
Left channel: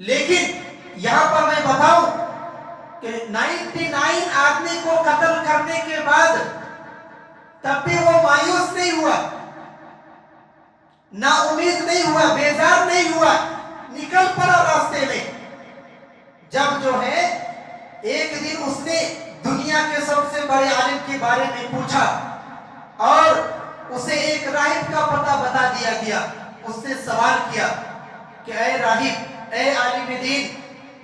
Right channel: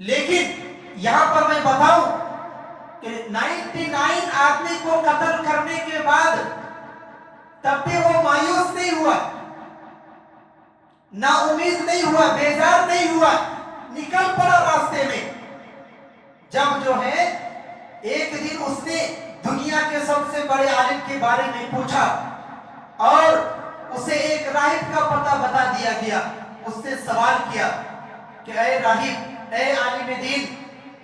لیکن یہاں پر میں بتاؤں کہ 99 آدمی کو قتل کرنے کے بعد تب بھی وہ مایوس نہیں ہوا، نا امید نہیں ہوا، بیزار نہیں ہوا، نکل پڑا راستے میں۔ جب جو ہے ایک دن اس نے دنیا کے سب سے بڑے عالم کے بارے میں پوچھا اور اسے ایک راہب کا پتہ بتا دیا گیا، اس نے سوال کیا کہ اے راہب، اے عالم دین،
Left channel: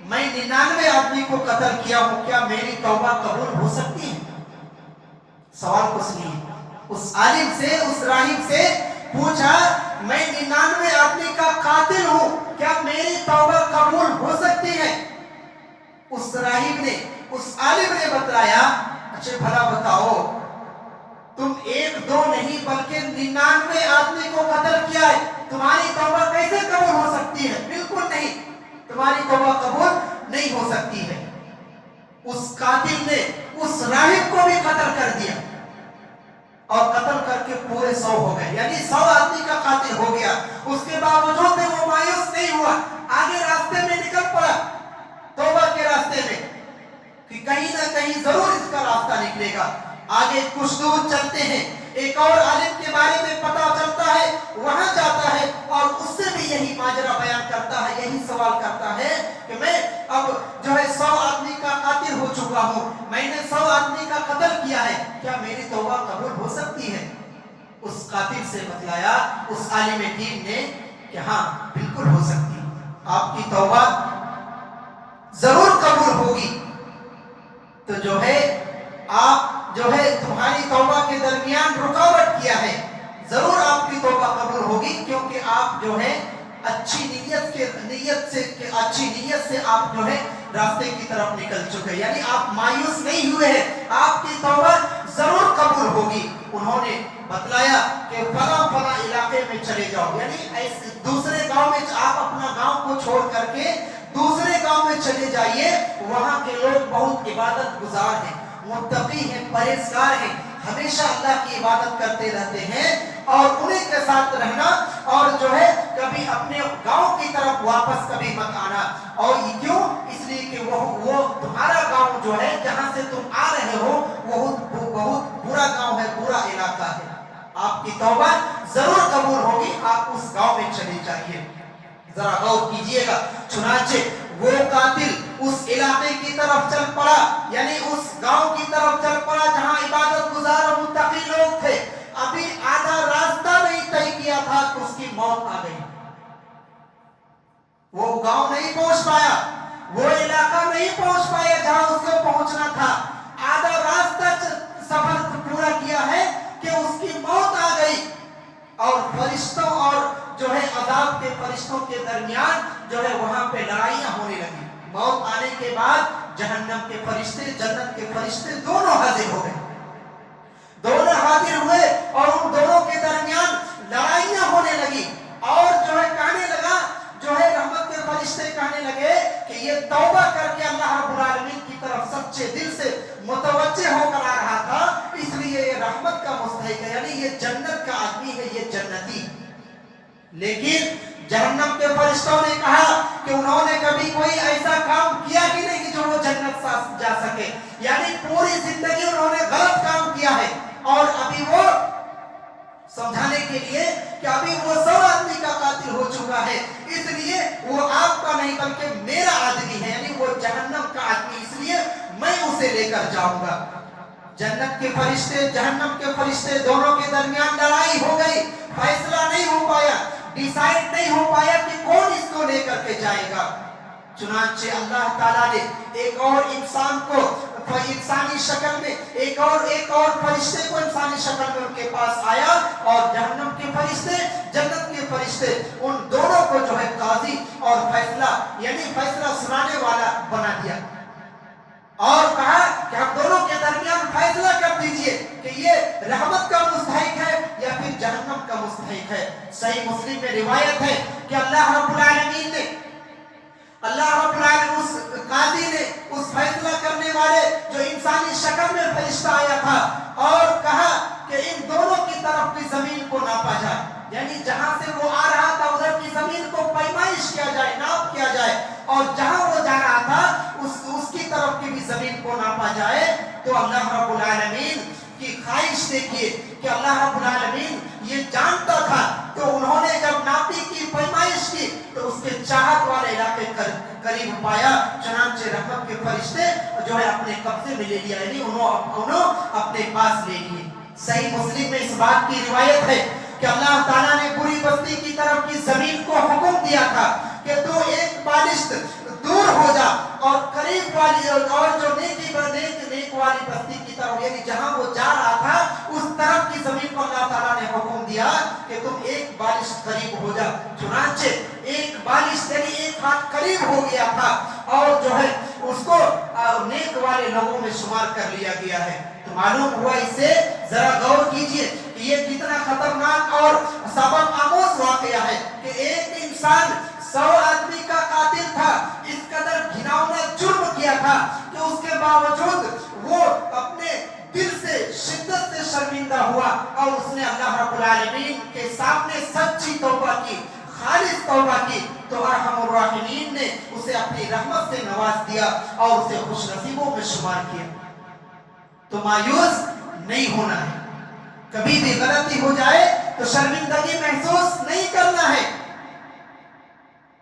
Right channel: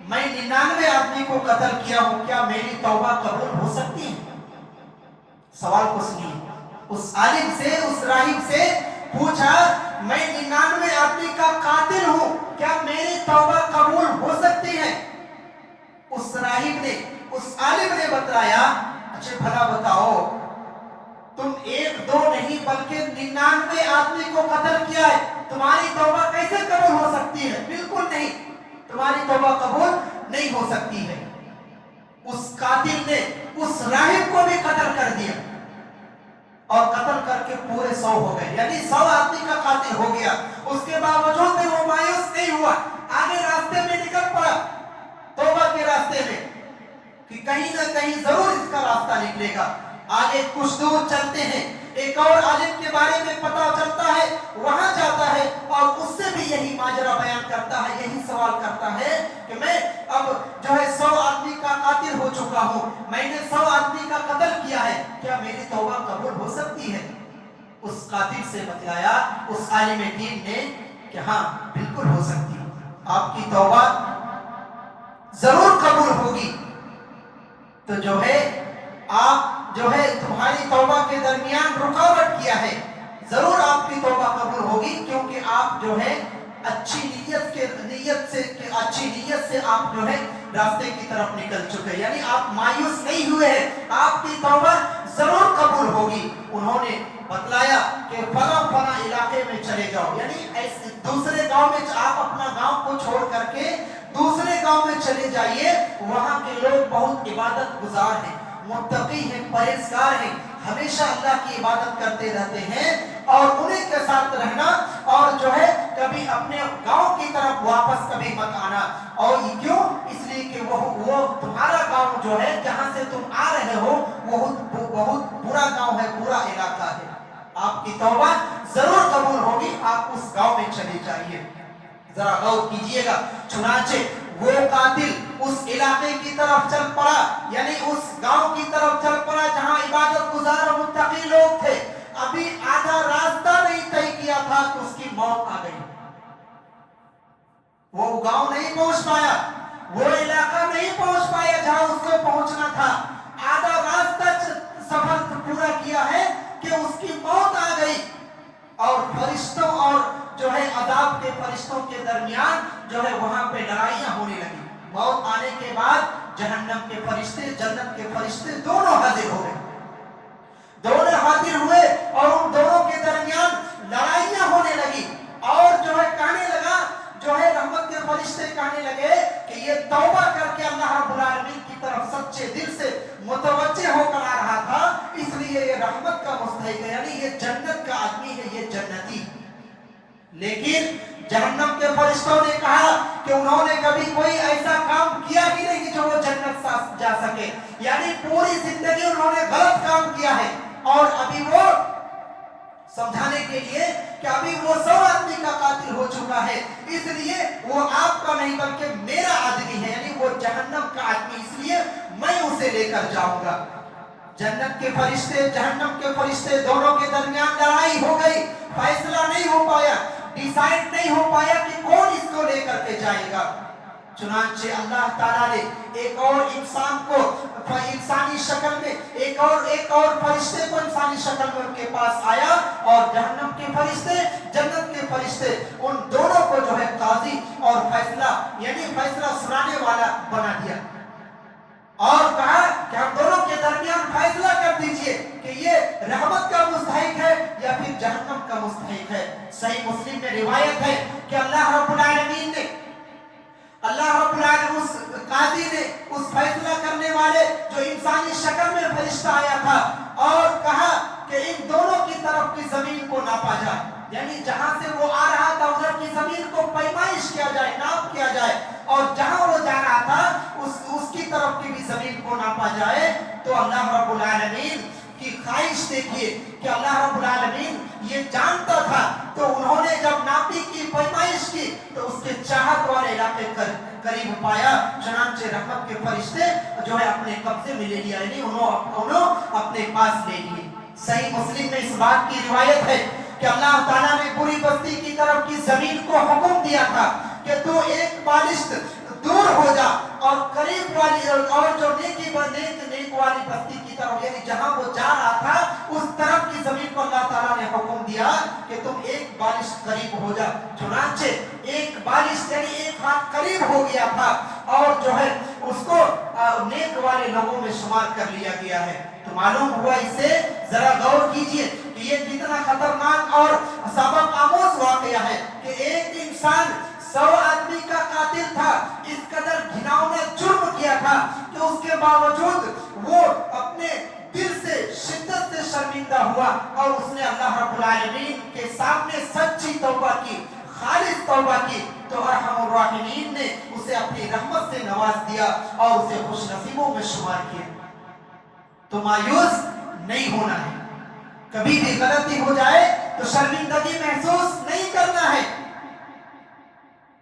میں 99 آدمی کو قتل کیا ہوں، کیا میری توبہ قبول ہو سکتی ہے؟ سوال کو سنیے، اس عالم سے، اس راہب سے پوچھا، میں 99 آدمی کا قاتل ہوں، کیا میری توبہ قبول ہو سکتی ہے؟ اس راہب نے، اس عالم نے بتلایا، اچھا بھلا بتاؤ، تم ایک دو نہیں بلکہ 99 آدمی کو قتل کیا ہے، تمہاری توبہ کیسے قبول ہو سکتی ہے؟ بالکل نہیں، تمہاری توبہ قبول نہیں ہو سکتی ہے۔ اس قاتل نے اس راہب کو بھی قتل کر دیا اور قتل کر کے پورے 100 ہو گئے، یعنی 100 آدمی کا قاتل ہو گیا۔ اس کے باوجود بھی وہ مایوس نہیں ہوا، آگے راستے میں نکل پڑا توبہ کے راستے میں کہ کہیں نہ کہیں ضرور اس کا راستہ نکلے گا۔ آگے کچھ دور چلتے ہیں، ایک اور عالم کے بارے میں پتہ چلتا ہے، وہاں جاتا ہے اور اس سے بھی یہی ماجرا بیان کرتا ہے، یہی سوال کرتا ہے کہ میں اب جو ہے 100 آدمی کا قاتل ہو چکا ہوں، میں نے 100 آدمی کا قتل کیا ہے، کیا میری توبہ قبول ہو سکتی ہے؟ اس قاتل سے بتلایا اس عالم دین نے کہ ہاں بالکل ہو سکتی ہے، آپ کی توبہ ضرور قبول ہوگی۔ تو جو ہے آپ جو ہے تمہاری توبہ کے درمیان رکاوٹ کیا ہے، ضرور آپ کی توبہ قبول ہوگی، کیونکہ آپ جو ہے اچھی نیت سے آپ جو ہے راستے کی طرف نکل چکے، یعنی آپ مایوس نہیں ہوئے ہیں، آپ کی توبہ ضرور قبول ہوگی۔ انہوں نے بتلایا کہ فلاں علاقے میں چلے جاؤ، یعنی دوسرے گاؤں میں آپ اپنا گاؤں کو چھوڑ کر کے دوسرے گاؤں میں چلے جائیے، وہاں کے لوگ بہت عبادت گزار ہیں، متقی ہیں، پرہیزگار ہیں، ہمیشہ اللہ کی عبادت کرتے رہتے ہیں، اور انہیں کے ساتھ رہنا، اور جو ہے کبھی اپنے گاؤں کی طرف واپس کبھی مت آنا۔ اور یہ کیوں؟ اس لیے کہ وہ تمہارا گاؤں جو ہے جہاں سے تم آ رہے ہو وہ بہت برا گاؤں ہے، برا علاقہ ہے، آپ کی توبہ ضرور قبول ہوگی، آپ اس گاؤں میں چلے جائیے۔ ذرا غور کیجئے گا، چنانچہ وہ قاتل اس علاقے کی طرف چل پڑا، یعنی اس گاؤں کی طرف چل پڑا جہاں عبادت گزار اور متقی لوگ تھے۔ ابھی آدھا راستہ نہیں طے کیا تھا کہ اس کی موت آ گئی، وہ گاؤں نہیں پہنچ پایا، وہ علاقہ نہیں پہنچ پایا جہاں اس کو پہنچنا تھا، آدھا راستہ سفر پورا کیا ہے کہ اس کی موت آ گئی، اور فرشتوں اور جو ہے عذاب کے فرشتوں کے درمیان جو ہے وہاں پہ لڑائیاں ہونے لگی۔ موت آنے کے بعد جہنم کے فرشتے، جنت کے فرشتے دونوں حاضر ہو گئے، دونوں حاضر ہوئے اور ان دونوں کے درمیان لڑائیاں ہونے لگی، اور جو ہے کہنے لگا، جو ہے رحمت کے فرشتے کہنے لگے کہ یہ توبہ کر کے اللہ رب العالمین کی طرف سچے دل سے متوجہ ہو کر آ رہا تھا، اس لیے یہ رحمت کا مستحق ہے، یعنی یہ جنت کا آدمی ہے، یہ جنتی۔ لیکن جہنم کے فرشتوں نے کہا کہ انہوں نے کبھی کوئی ایسا کام کیا ہی نہیں کہ جو وہ جنت جا سکے، یعنی پوری زندگی انہوں نے غلط کام کیا ہے، اور ابھی وہ سمجھانے کے لیے کہ ابھی وہ 100 آدمی کا قاتل ہو چکا ہے، اس لیے وہ آپ کا نہیں بلکہ میرا آدمی ہے، یعنی وہ جہنم کا آدمی، اس لیے میں اسے لے کر جاؤں گا۔ جنت کے فرشتے، جہنم کے فرشتے دونوں کے درمیان لڑائی ہو گئی، فیصلہ نہیں ہو پایا، ڈیسائیڈ نہیں ہو پایا کہ کون اس کو لے کر کے جائے گا۔ چنانچہ اللہ تعالیٰ نے ایک اور انسان کو انسانی شکل میں، ایک اور فرشتے کو انسانی شکل میں ان کے پاس آیا، اور جہنم کے فرشتے، جنت کے فرشتے، ان دونوں کو جو ہے قاضی اور فیصلہ، یعنی فیصلہ سنانے والا بنا دیا، اور کہا کہ ہم دونوں کے درمیان فیصلہ کر دیجئے کہ یہ رحمت کا مستحق ہے یا پھر جہنم کا مستحق ہے۔ صحیح مسلم میں روایت ہے کہ اللہ رب العالمین نے، اس قاضی نے، اس فیصلہ کرنے والے جو انسانی شکل میں فرشتہ آیا تھا، اور کہا کہ ان دونوں کی طرف کی زمین کو ناپا جائے، یعنی جہاں سے وہ آ رہا تھا ادھر کی زمین کو پیمائش کیا جائے، ناپ کیا جائے، اور جہاں وہ جا رہا تھا اس کی طرف کی بھی زمین کو ناپا جائے، تو اللہ رب العالمین کی خواہش دیکھیے کہ اللہ رب العالمین یہ جانتا تھا، تو انہوں نے جب ناپی کی، پیمائش کی، تو اس کے چاہت والے علاقے قریب پایا، چنانچہ رحمت کے فرشتے جو ہے اپنے قبضے میں لے لیا، یعنی انہوں اپنے پاس لے لیے۔ صحیح مسلم میں اس بات کی روایت ہے کہ اللہ تعالیٰ نے بری بستی کی طرف کی زمین کو حکم دیا تھا کہ تو ایک بالشت دور ہو جا، اور قریب والی اور جو نیک والی بستی کی طرف، یعنی جہاں وہ جا رہا تھا اس طرف کی زمین کو اللہ تعالیٰ نے حکم دیا کہ تم ایک بالش قریب ہو جا۔ چنانچہ ایک بالش یعنی ایک ہاتھ قریب ہو گیا تھا، اور جو ہے اس کو نیک والے لوگوں میں شمار کر لیا گیا ہے۔ تو معلوم ہوا، اس سے ذرا غور کیجئے کہ یہ کتنا خطرناک اور سبق آموز واقعہ ہے کہ ایک انسان 100 آدمی کا قاتل تھا، اس قدر گھناؤنا جرم کیا تھا کہ اس کے باوجود وہ اپنے دل سے شدت سے شرمندہ ہوا، اور اس نے اللہ رب العالمین کے سامنے سچی توبہ کی، خالص توبہ کی، تو ارحم الراحمین نے اسے اپنی رحمت سے نواز دیا اور اسے خوش نصیبوں میں شمار کیا۔ تو مایوس نہیں ہونا ہے، کبھی بھی غلطی ہو جائے تو شرمندگی محسوس نہیں کرنا ہے۔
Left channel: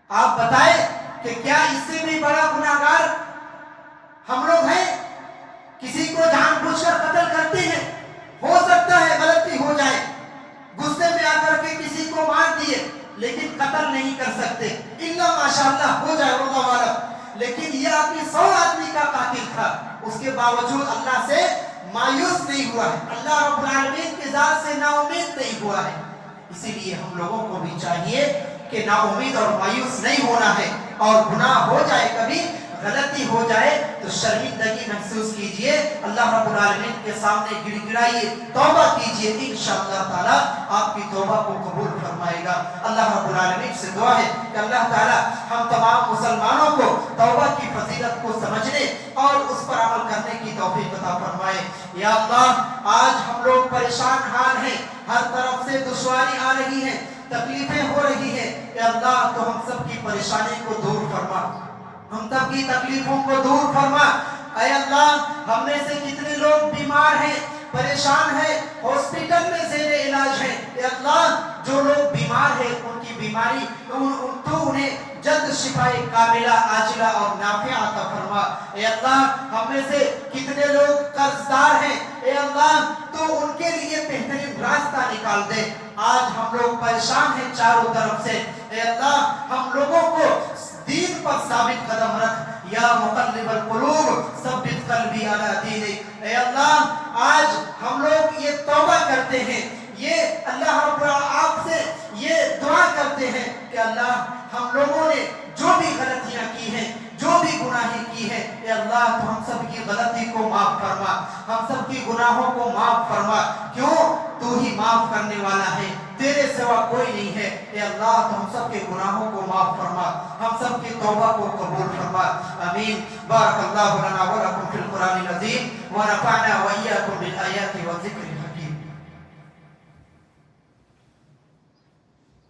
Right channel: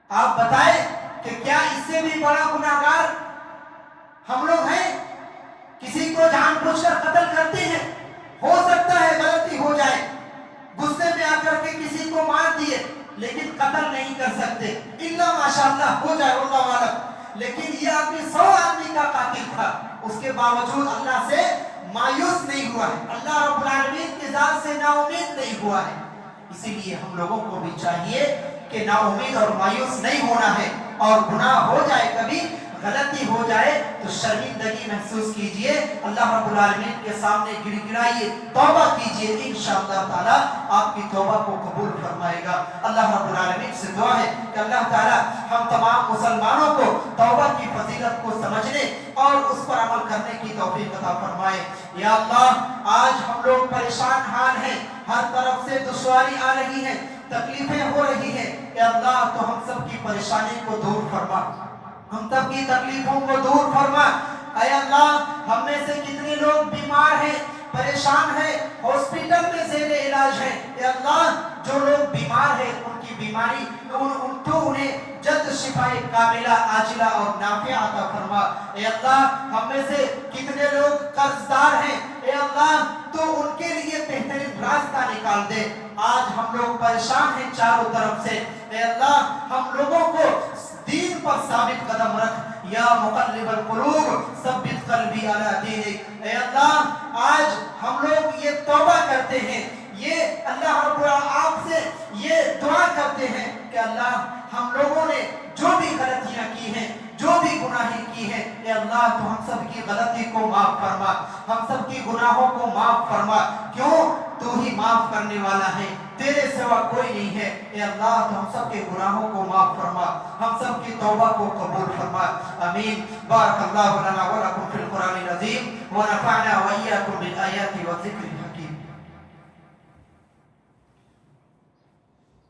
آپ بتائیں کہ کیا اس سے بھی بڑا گناہگار ہم لوگ ہیں؟ کسی کو جان بوجھ کر قتل کرتے ہیں، ہو سکتا ہے غلطی ہو جائے، غصے میں آ کر کے کسی کو مار دیے، لیکن قتل نہیں کر سکتے، الا ماشاءاللہ ہو جائے اللہ والا۔ لیکن یہ آدمی 100 آدمی کا قاتل تھا، اس کے باوجود اللہ سے مایوس نہیں ہوا ہے، اللہ رب العالمین کی ذات سے نا امید نہیں ہوا ہے۔ اسی لیے ہم لوگوں کو بھی چاہیے کہ نا امید اور مایوس نہیں ہونا ہے، اور گناہ ہو جائے، کبھی غلطی ہو جائے تو شرمندگی محسوس کیجئے، اللہ رب العالمین کے سامنے گڑ گڑائیے، توبہ کیجئے، انشاءاللہ تعالی آپ کی توبہ کو قبول فرمائے گا۔ اللہ رب العالمین سے دعا ہے کہ اللہ تعالی ہم تمام مسلمانوں کو توبہ کی فضیلت کو سمجھنے اور اس پر عمل کرنے کی توفیق عطا فرمائے۔ یا اللہ، آج ہم لوگ پریشان حال ہیں، ہر طرف سے دشواری آ رہی ہے، تکلیفیں ہو رہی ہیں، اے اللہ تو ہم سب کی پریشانی کو دور فرما، ہم سب کی تکلیفوں کو دور فرما۔ اے اللہ، ہم میں سے کتنے لوگ بیمار ہیں، پریشان ہیں، ہاسپٹل میں زیر علاج ہیں، اے اللہ جو لوگ بیمار ہیں ان کی بیماری تو انہیں جلد شفا کاملہ عاجلہ اور نافعہ عطا فرما۔ اے اللہ، ہم میں سے کتنے لوگ قرض دار ہیں، اے اللہ تو ان کے لیے بہترین راستہ نکال دے۔ آج ہم لوگ پریشان ہیں چاروں طرف سے، اے اللہ ہم لوگوں کو دین پر ثابت قدم رکھ، یا مقلب القلوب ثبت قلبی علی دینک۔ اے اللہ، آج ہم لوگ یہ توبہ کرتے ہیں، یہ اللہ رب آپ سے یہ دعا کرتے ہیں کہ اللہ ہم لوگوں نے جو بھی غلطیاں کی ہیں، جو بھی گناہیں کی ہیں، اے اللہ تو ہم سب کی غلطی کو معاف فرما، ہم سب کی گناہوں کو معاف فرما، کیوں تو ہی معاف کرنے والا ہے، تیرے سوا کوئی نہیں ہے۔ اے اللہ تو ہم سب کے گناہوں کو معاف فرما، ہم سب کی توبہ کو قبول فرما، آمین۔ بارک اللہ لنا ولکم فی القرآن العظیم ونفعنا وإياکم بالآیات والذکر